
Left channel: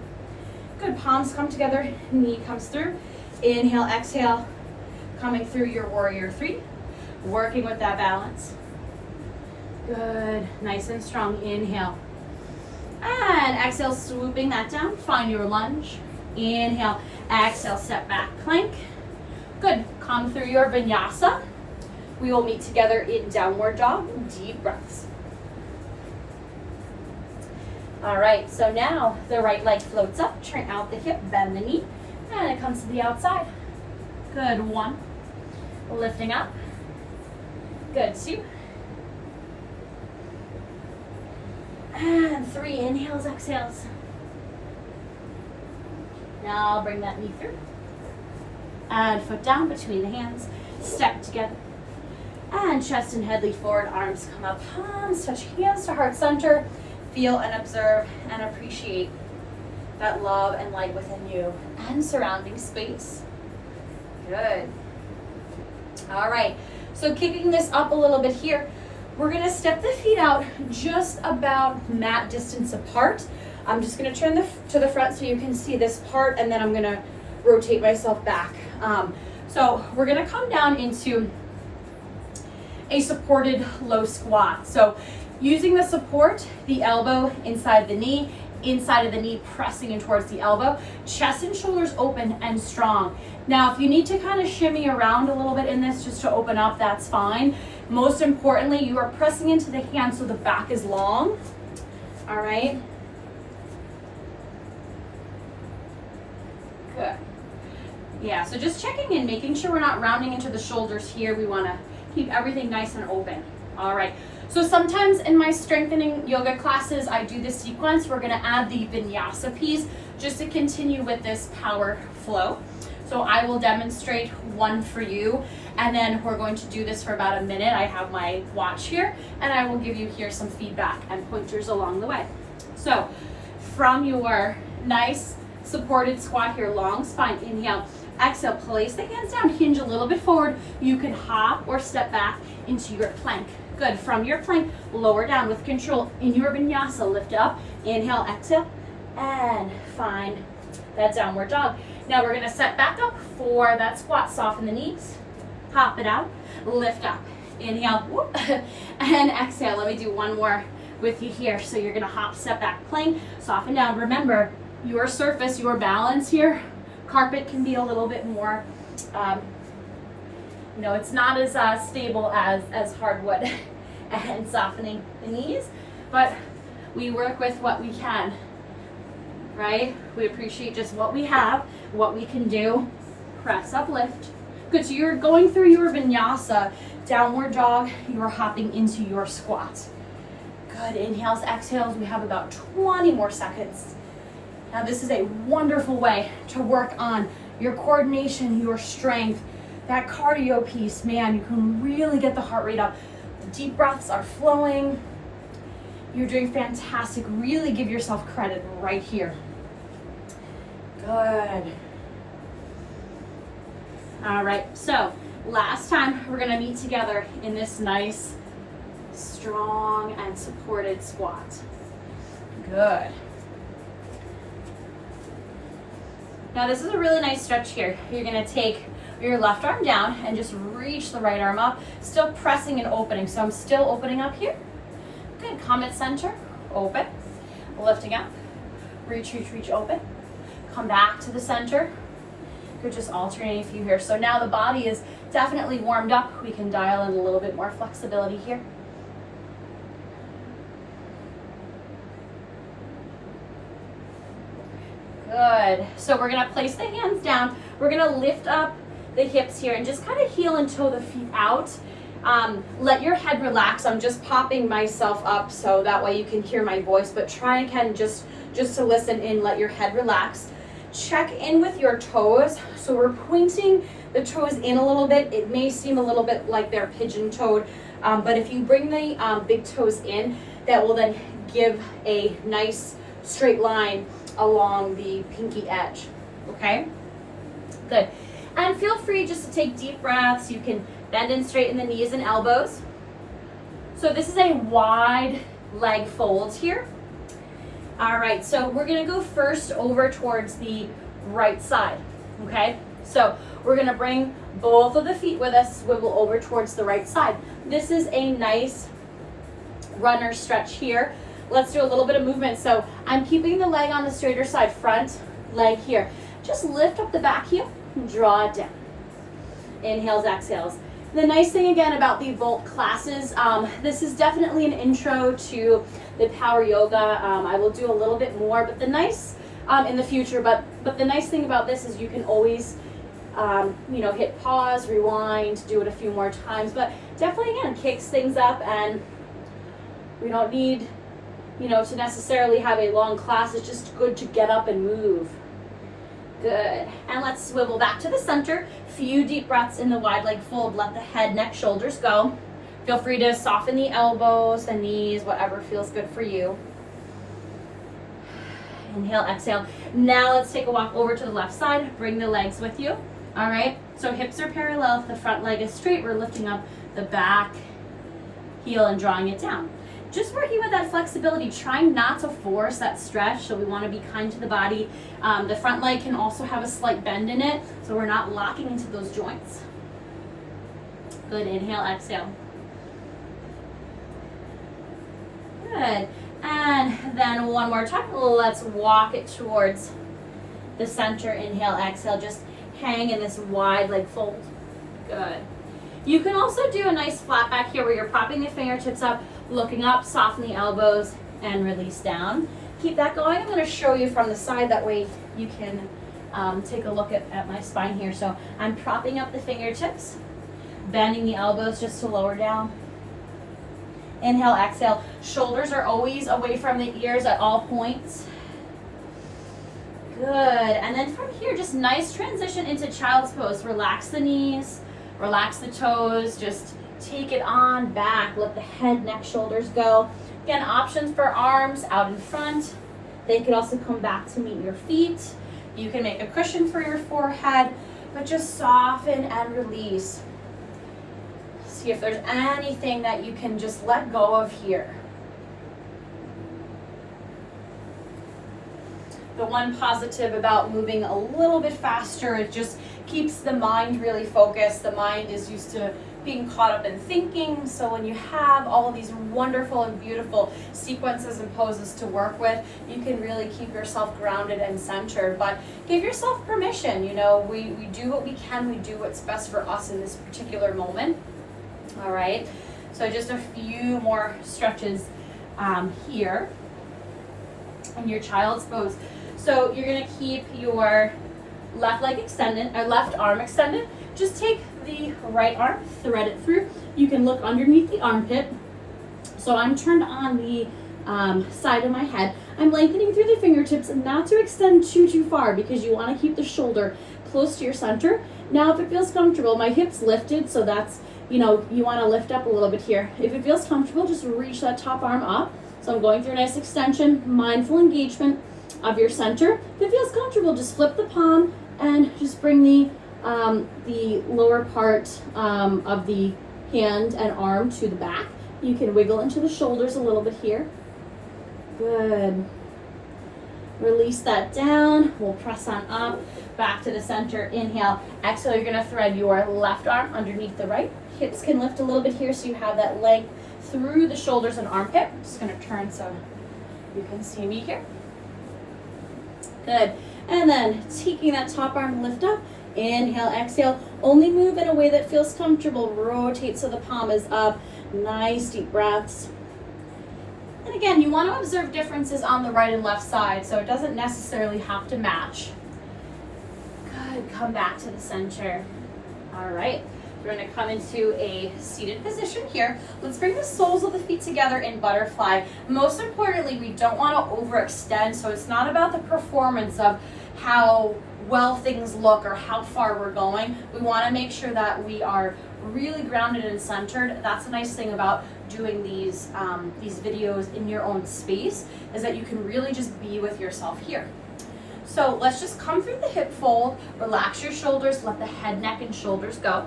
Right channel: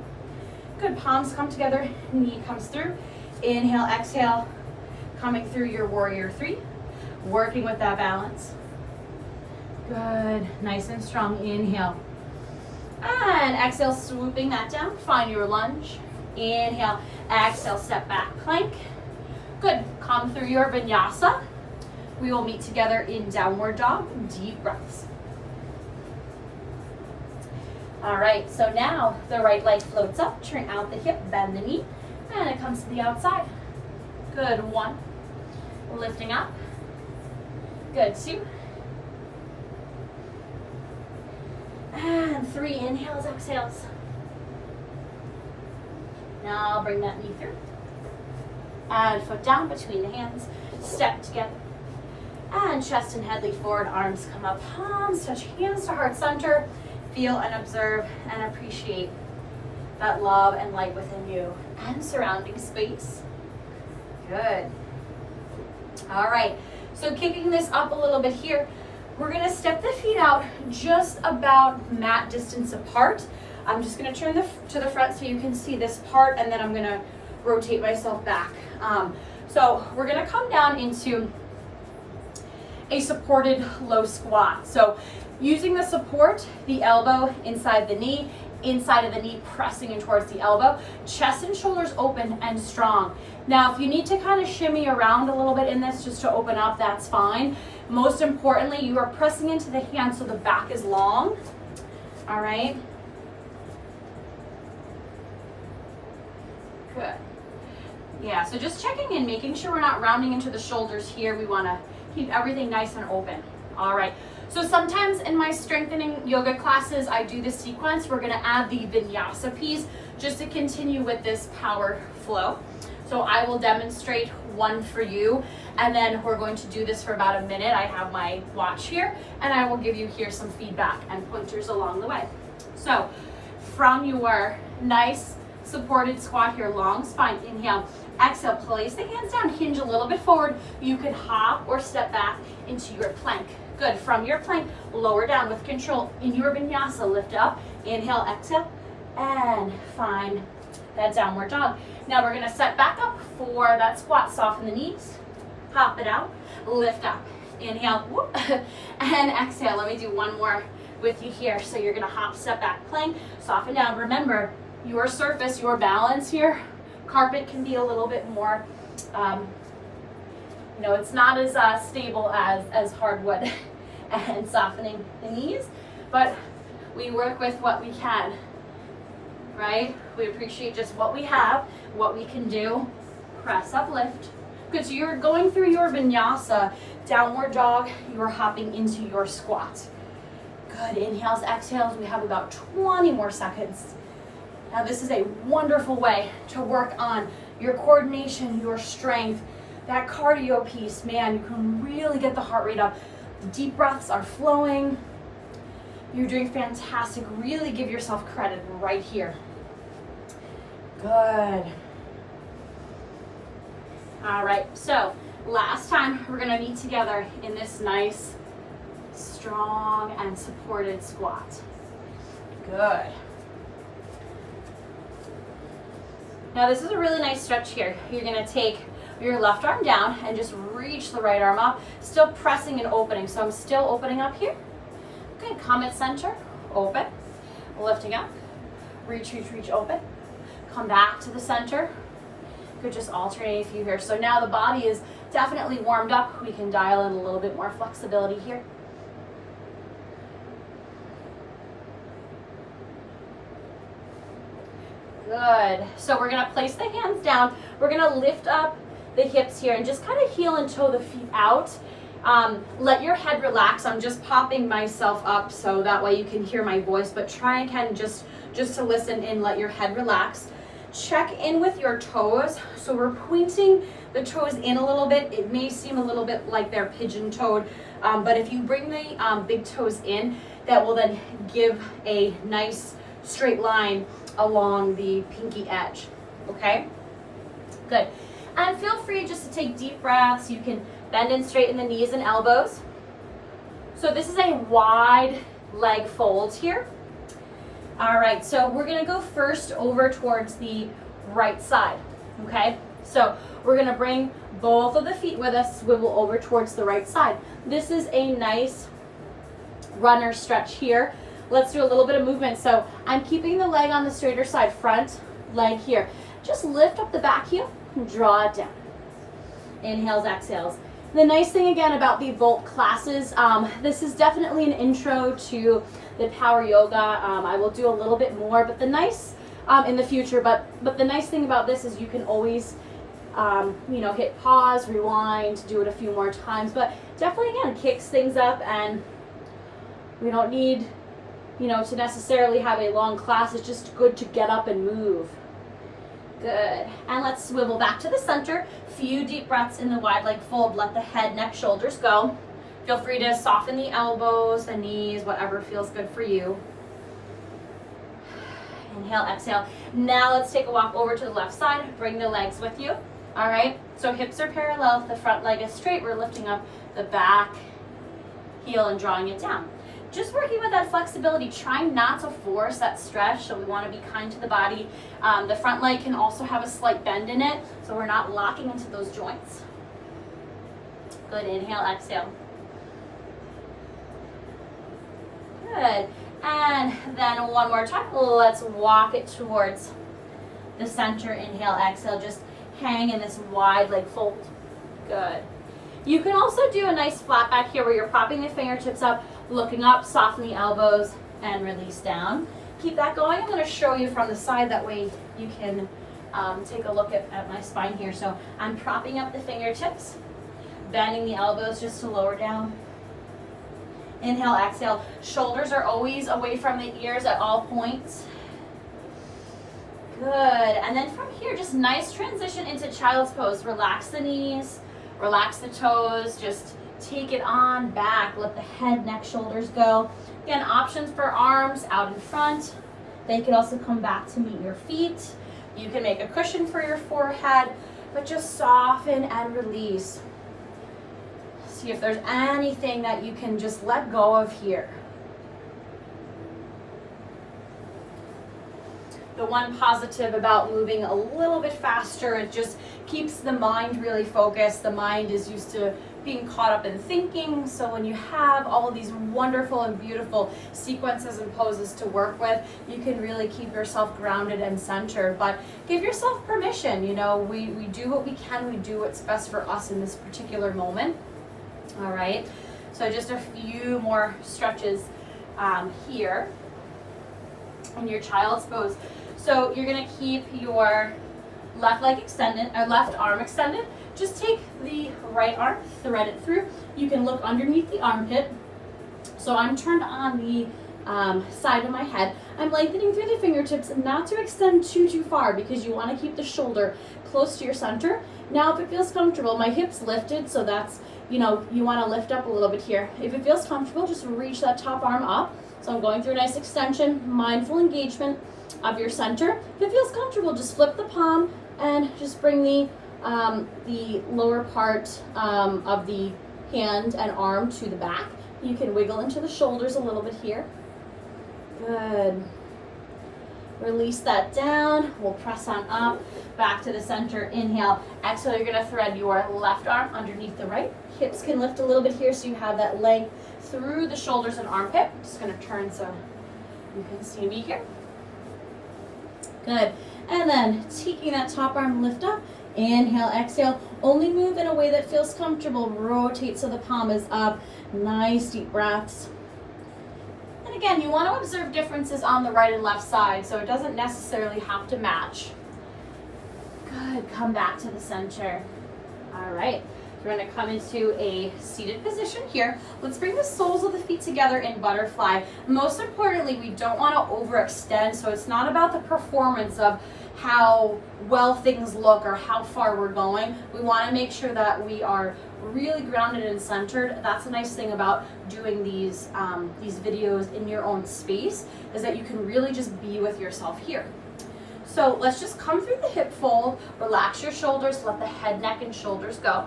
Good, palms come together, knee comes through. Inhale, exhale, coming through your warrior three. Working with that balance. Good, nice and strong, inhale. And exhale, swooping that down, find your lunge. Inhale, exhale, step back, plank. Good, come through your vinyasa. We will meet together in downward dog, deep breaths. All right, so now the right leg floats up, turn out the hip, bend the knee, and it comes to the outside. Good, one, lifting up. Good, two. And three, inhales, exhales. Now bring that knee through. And foot down between the hands, step together. And chest and head lead forward, arms come up, palms touch hands to heart center. Feel and observe and appreciate that love and light within you and surrounding space. Good. All right, so kicking this up a little bit here, we're gonna step the feet out just about mat distance apart. I'm just gonna turn to the front so you can see this part, and then I'm gonna rotate myself back. So we're gonna come down into a supported low squat. So using the support, the elbow inside the knee, inside of the knee pressing in towards the elbow, chest and shoulders open and strong. Now, if you need to kind of shimmy around a little bit in this just to open up, that's fine. Most importantly, you are pressing into the hands so the back is long. All right. Good. Yeah, so just checking in, making sure we're not rounding into the shoulders here. We want to keep everything nice and open. All right. So sometimes in my strengthening yoga classes, I do the sequence. We're gonna add the vinyasa piece just to continue with this power flow. So I will demonstrate one for you, and then we're going to do this for about a minute. I have my watch here, and I will give you here some feedback and pointers along the way. So from your nice supported squat here, long spine, inhale, exhale, place the hands down, hinge a little bit forward. You can hop or step back into your plank. Good, from your plank, lower down with control. In your vinyasa, lift up, inhale, exhale, and find that downward dog. Now we're gonna set back up for that squat. Soften the knees, hop it out, lift up, inhale, whoop, and exhale. Let me do one more with you here. So you're gonna hop, step back, plank, soften down. Remember, your surface, your balance here, carpet can be a little bit more, it's not as stable as hardwood. And softening the knees, but we work with what we can, right? We appreciate just what we have, what we can do. Press up, lift. Good, so you're going through your vinyasa, downward dog, you're hopping into your squat. Good, inhales, exhales, we have about 20 more seconds. Now this is a wonderful way to work on your coordination, your strength, that cardio piece. Man, you can really get the heart rate up. The deep breaths are flowing. You're doing fantastic. Really give yourself credit right here. Good. All right, so last time we're gonna meet together in this nice, strong and supported squat. Good. Now this is a really nice stretch here. You're gonna take your left arm down and just reach the right arm up, still pressing and opening. So I'm still opening up here. Good, come at center, open, lifting up, reach, reach, reach, open. Come back to the center. Good, just alternating a few here. So now the body is definitely warmed up. We can dial in a little bit more flexibility here. Good, so we're gonna place the hands down. We're gonna lift up the hips here and just kind of heel and toe the feet out. Let your head relax. I'm just popping myself up so that way you can hear my voice, but try again just to listen in, let your head relax. Check in with your toes. So we're pointing the toes in a little bit. It may seem a little bit like they're pigeon-toed, but if you bring the big toes in, that will then give a nice straight line along the pinky edge, okay? Good. And feel free just to take deep breaths. You can bend and straighten the knees and elbows. So this is a wide leg folds here. All right, so we're gonna go first over towards the right side, okay? So we're gonna bring both of the feet with us, swivel over towards the right side. This is a nice runner stretch here. Let's do a little bit of movement. So I'm keeping the leg on the straighter side, front leg here. Just lift up the back heel and draw it down. Inhales, exhales. The nice thing again about the Volt classes, this is definitely an intro to the power yoga. I will do a little bit more, but the nice in the future. But the nice thing about this is you can always, hit pause, rewind, do it a few more times. But definitely again kicks things up, and we don't need, to necessarily have a long class. It's just good to get up and move. Good. And let's swivel back to the center. Few deep breaths in the wide leg fold. Let the head, neck, shoulders go. Feel free to soften the elbows, the knees, whatever feels good for you. Inhale, exhale. Now let's take a walk over to the left side. Bring the legs with you. All right. So hips are parallel. If the front leg is straight, we're lifting up the back heel and drawing it down. Just working with that flexibility, trying not to force that stretch, so we want to be kind to the body. The front leg can also have a slight bend in it, so we're not locking into those joints. Good, inhale, exhale. Good, and then one more time, let's walk it towards the center. Inhale, exhale, just hang in this wide leg fold. Good. You can also do a nice flat back here where you're propping the fingertips up, looking up, soften the elbows, and release down. Keep that going. I'm going to show you from the side, that way you can take a look at my spine here. So I'm propping up the fingertips, bending the elbows just to lower down. Inhale, exhale. Shoulders are always away from the ears at all points. Good. And then from here, just nice transition into child's pose. Relax the knees, relax the toes, just take it on back. Let the head, neck, shoulders go. Again, options for arms out in front. They could also come back to meet your feet. You can make a cushion for your forehead, but just soften and release. See if there's anything that you can just let go of here. The one positive about moving a little bit faster, it just keeps the mind really focused. The mind is used to being caught up in thinking, so when you have all of these wonderful and beautiful sequences and poses to work with, you can really keep yourself grounded and centered. But give yourself permission. We do what we can, we do what's best for us in this particular moment. All right, so just a few more stretches here in your child's pose. So you're gonna keep your left leg extended, or left arm extended. Just take the right arm, thread it through. You can look underneath the armpit. So I'm turned on the side of my head. I'm lengthening through the fingertips, not to extend too far, because you want to keep the shoulder close to your center. Now, if it feels comfortable, my hips lifted, so that's, you want to lift up a little bit here. If it feels comfortable, just reach that top arm up. So I'm going through a nice extension, mindful engagement of your center. If it feels comfortable, just flip the palm and just bring the lower part of the hand and arm to the back. You can wiggle into the shoulders a little bit here. Good. Release that down. We'll press on up, back to the center. Inhale, exhale. You're gonna thread your left arm underneath the right. Hips can lift a little bit here so you have that length through the shoulders and armpit. I'm just gonna turn so you can see me here. Good. And then taking that top arm, lift up. Inhale, exhale. Only move in a way that feels comfortable. Rotate so the palm is up. Nice deep breaths. And again, you want to observe differences on the right and left side, so it doesn't necessarily have to match. Good. Come back to the center. All right. We're going to come into a seated position here. Let's bring the soles of the feet together in butterfly. Most importantly, we don't want to overextend, so it's not about the performance of how well things look or how far we're going. We want to make sure that we are really grounded and centered. That's a nice thing about doing these videos in your own space, is that you can really just be with yourself here. So let's just come through the hip fold, relax your shoulders, let the head, neck, and shoulders go.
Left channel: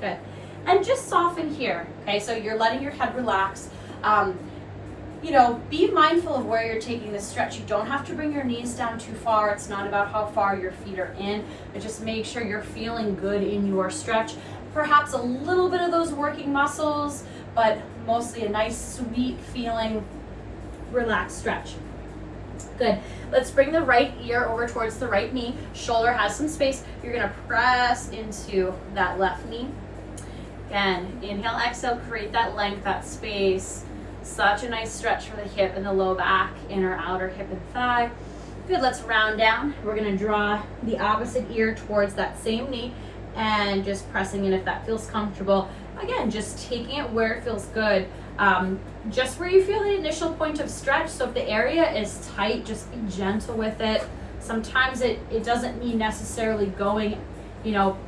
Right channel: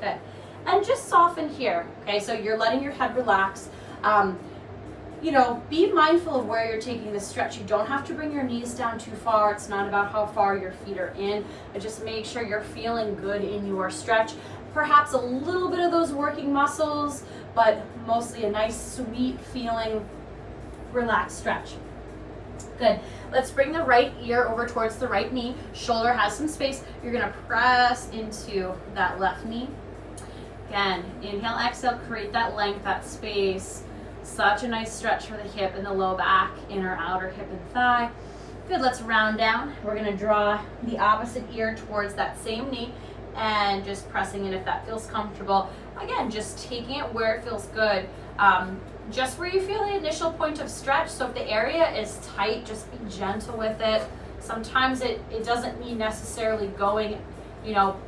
Good. And just soften here, okay? So you're letting your head relax. be mindful of where you're taking the stretch. You don't have to bring your knees down too far. It's not about how far your feet are in, but just make sure you're feeling good in your stretch. Perhaps a little bit of those working muscles, but mostly a nice, sweet feeling, relaxed stretch. Good. Let's bring the right ear over towards the right knee. Shoulder has some space. You're gonna press into that left knee. Again, inhale, exhale, create that length, that space. Such a nice stretch for the hip and the low back, inner, outer hip and thigh. Good, let's round down. We're gonna draw the opposite ear towards that same knee and just pressing in if that feels comfortable. Again, just taking it where it feels good. Just where you feel the initial point of stretch. So if the area is tight, just be gentle with it. Sometimes it doesn't mean necessarily going,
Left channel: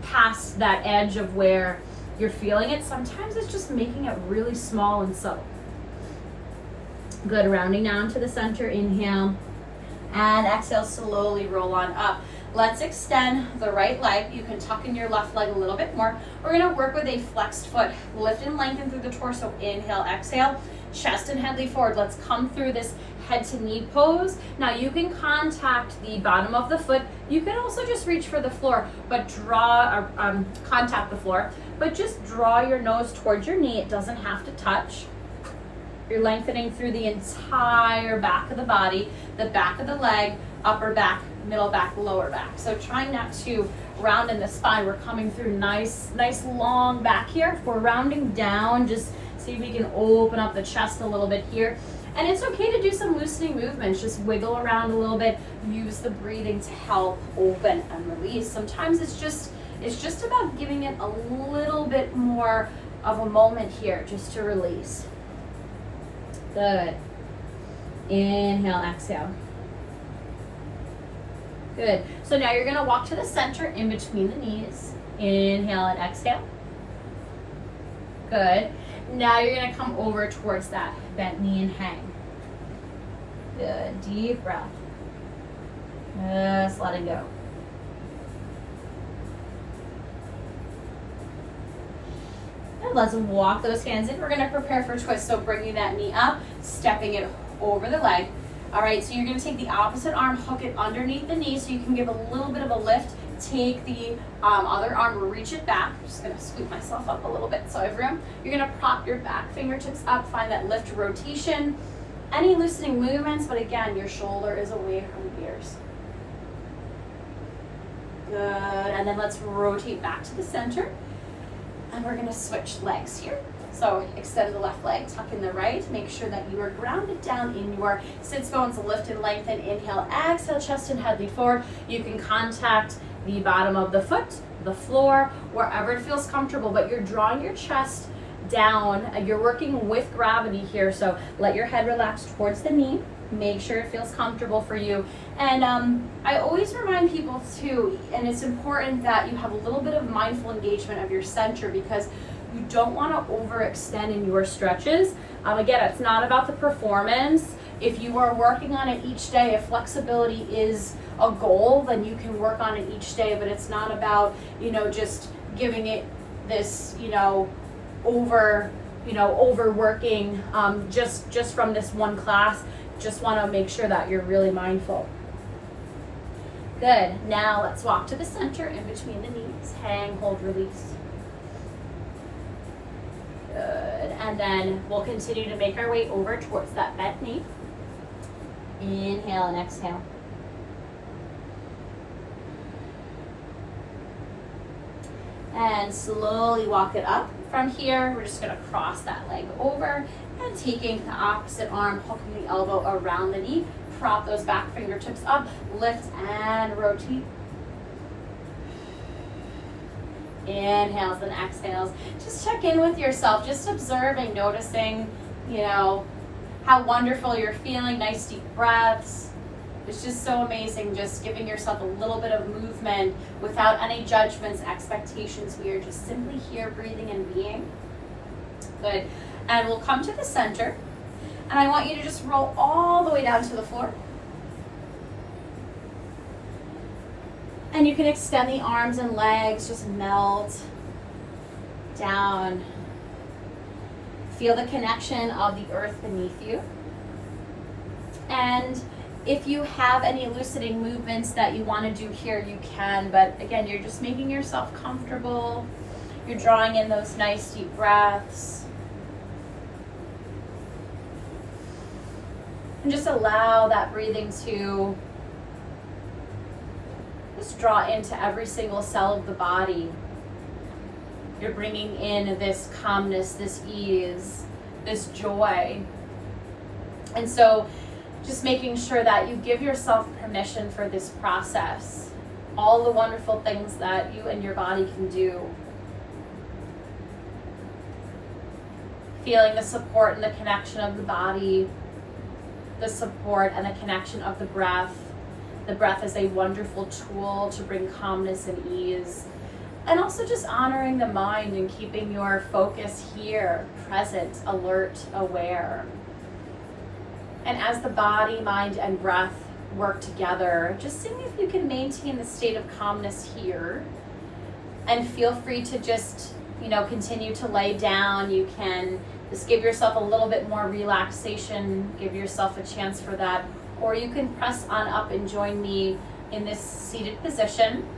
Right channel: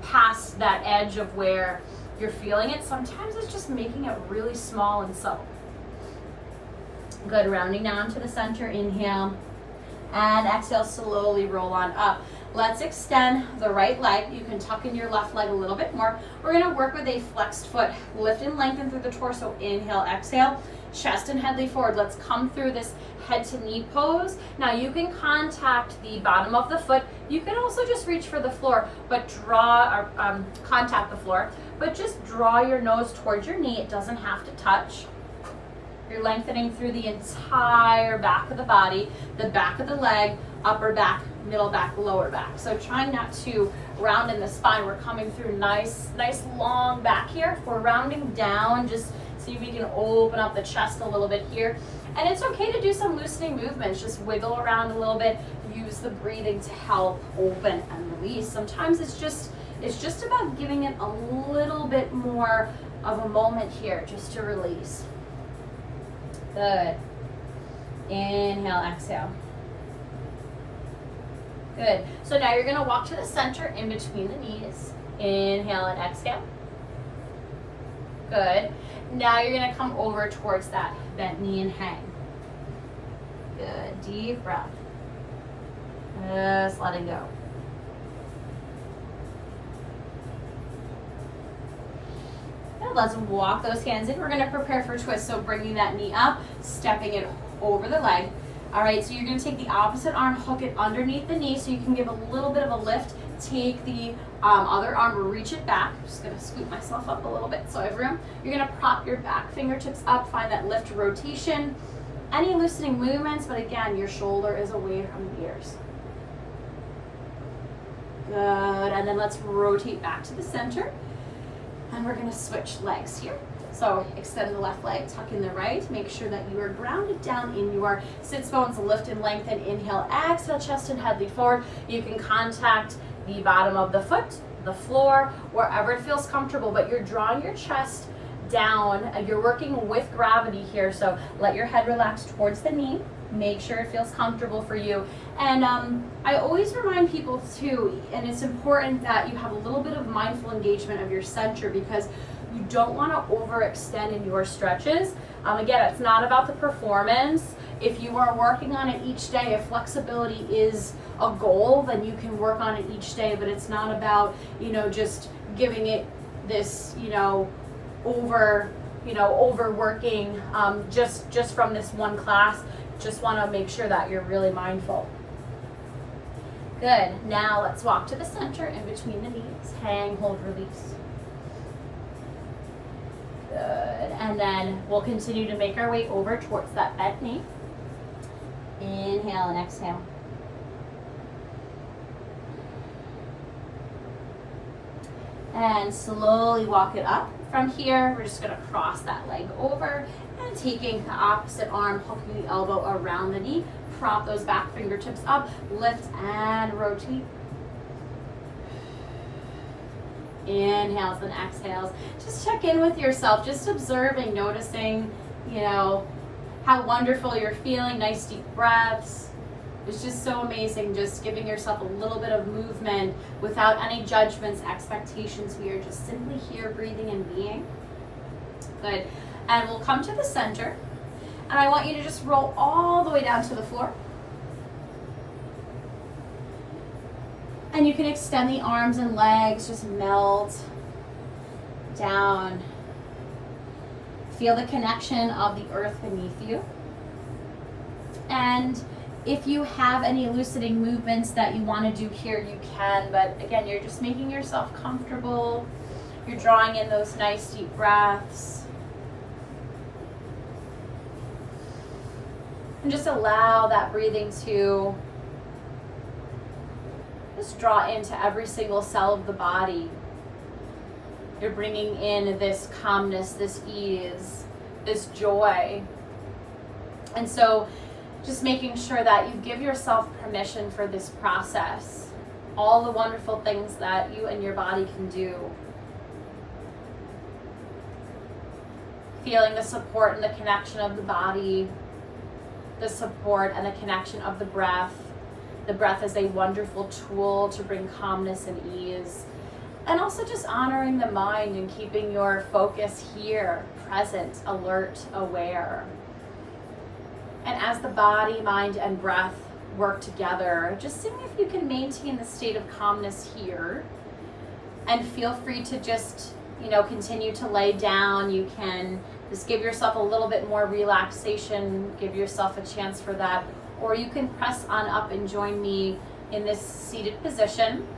past that edge of where you're feeling it. Sometimes it's just making it really small and subtle. Good, rounding down to the center, inhale, and exhale, slowly roll on up. Let's extend the right leg. You can tuck in your left leg a little bit more. We're gonna work with a flexed foot. Lift and lengthen through the torso, inhale, exhale, chest and head lean forward. Let's come through this head to knee pose. Now you can contact the bottom of the foot. You can also just reach for the floor, but contact the floor, but just draw your nose towards your knee. It doesn't have to touch. You're lengthening through the entire back of the body, the back of the leg, upper back, middle back, lower back. So trying not to round in the spine. We're coming through nice long back here. If we're rounding down, just see if we can open up the chest a little bit here. And it's okay to do some loosening movements. Just wiggle around a little bit. Use the breathing to help open and release. Sometimes it's just about giving it a little bit more of a moment here just to release. Good. Inhale, exhale. Good. So now you're gonna walk to the center in between the knees. Inhale and exhale. Good. Now you're gonna come over towards that bent knee and hang. Good. Deep breath. Just letting go. And let's walk those hands in. We're gonna prepare for twist. So bringing that knee up, stepping it over the leg. All right, so you're gonna take the opposite arm, hook it underneath the knee so you can give a little bit of a lift. Take the other arm, reach it back. I'm just gonna scoop myself up a little bit so I have room. You're gonna prop your back fingertips up, find that lift rotation. Any loosening movements, but again, your shoulder is away from the ears. Good, and then let's rotate back to the center. And we're gonna switch legs here. So extend the left leg, tuck in the right. Make sure that you are grounded down in your sits bones. Lift and lengthen. Inhale, exhale, chest and head lean forward. You can contact the bottom of the foot, the floor, wherever it feels comfortable, but you're drawing your chest down. You're working with gravity here, so let your head relax towards the knee. Make sure it feels comfortable for you. And I always remind people too, and it's important that you have a little bit of mindful engagement of your center because you don't want to overextend in your stretches. Again, it's not about the performance. If you are working on it each day, if flexibility is a goal, then you can work on it each day, but it's not about, just giving it this, overworking just from this one class. Just want to make sure that you're really mindful. Good. Now let's walk to the center in between the knees. Hang, hold, release. Good. And then we'll continue to make our way over towards that bent knee. Inhale and exhale. And slowly walk it up. From here, we're just going to cross that leg over and taking the opposite arm, hooking the elbow around the knee. Prop those back fingertips up, lift and rotate. Inhales and exhales. Just check in with yourself, just observing, noticing, how wonderful you're feeling. Nice deep breaths. It's just so amazing, just giving yourself a little bit of movement without any judgments, expectations. We are just simply here breathing and being. Good. And we'll come to the center. And I want you to just roll all the way down to the floor. And you can extend the arms and legs, just melt down. Feel the connection of the earth beneath you. And if you have any loosening movements that you want to do here, you can, but again, you're just making yourself comfortable. You're drawing in those nice deep breaths. And just allow that breathing to just draw into every single cell of the body. You're bringing in this calmness, this ease, this joy. And so just making sure that you give yourself permission for this process. All the wonderful things that you and your body can do. Feeling the support and the connection of the body, the support and the connection of the breath. The breath is a wonderful tool to bring calmness and ease. And also just honoring the mind and keeping your focus here, present, alert, aware. And as the body, mind, and breath work together, just seeing if you can maintain the state of calmness here. And feel free to just, continue to lay down. You can just give yourself a little bit more relaxation, give yourself a chance for that. Or you can press on up and join me in this seated position.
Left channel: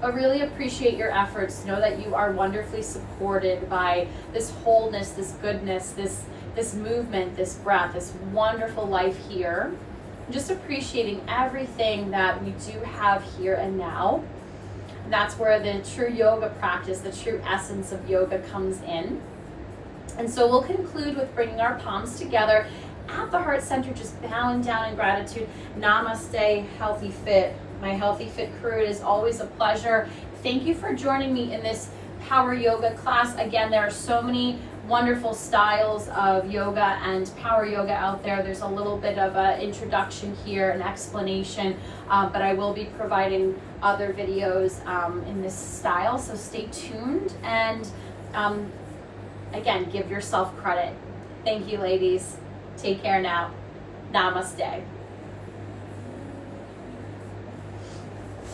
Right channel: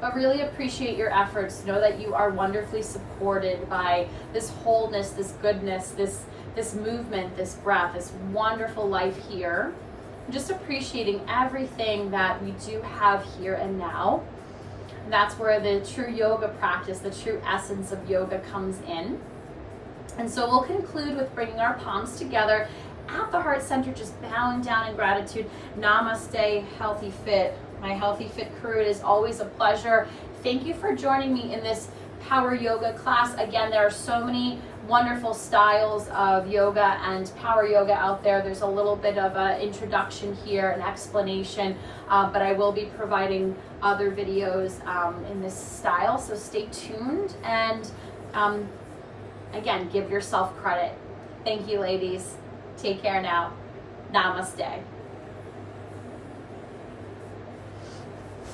I really appreciate your efforts. Know that you are wonderfully supported by this wholeness, this goodness, this movement, this breath, this wonderful life here. Just appreciating everything that we do have here and now. And that's where the true yoga practice, the true essence of yoga comes in. And so we'll conclude with bringing our palms together at the heart center, just bowing down in gratitude. Namaste, Healthy Fit. My Healthy Fit crew, it is always a pleasure. Thank you for joining me in this power yoga class. Again, there are so many wonderful styles of yoga and power yoga out there. There's a little bit of an introduction here, an explanation, but I will be providing other videos in this style, so stay tuned. And again, give yourself credit. Thank you, ladies. Take care now. Namaste.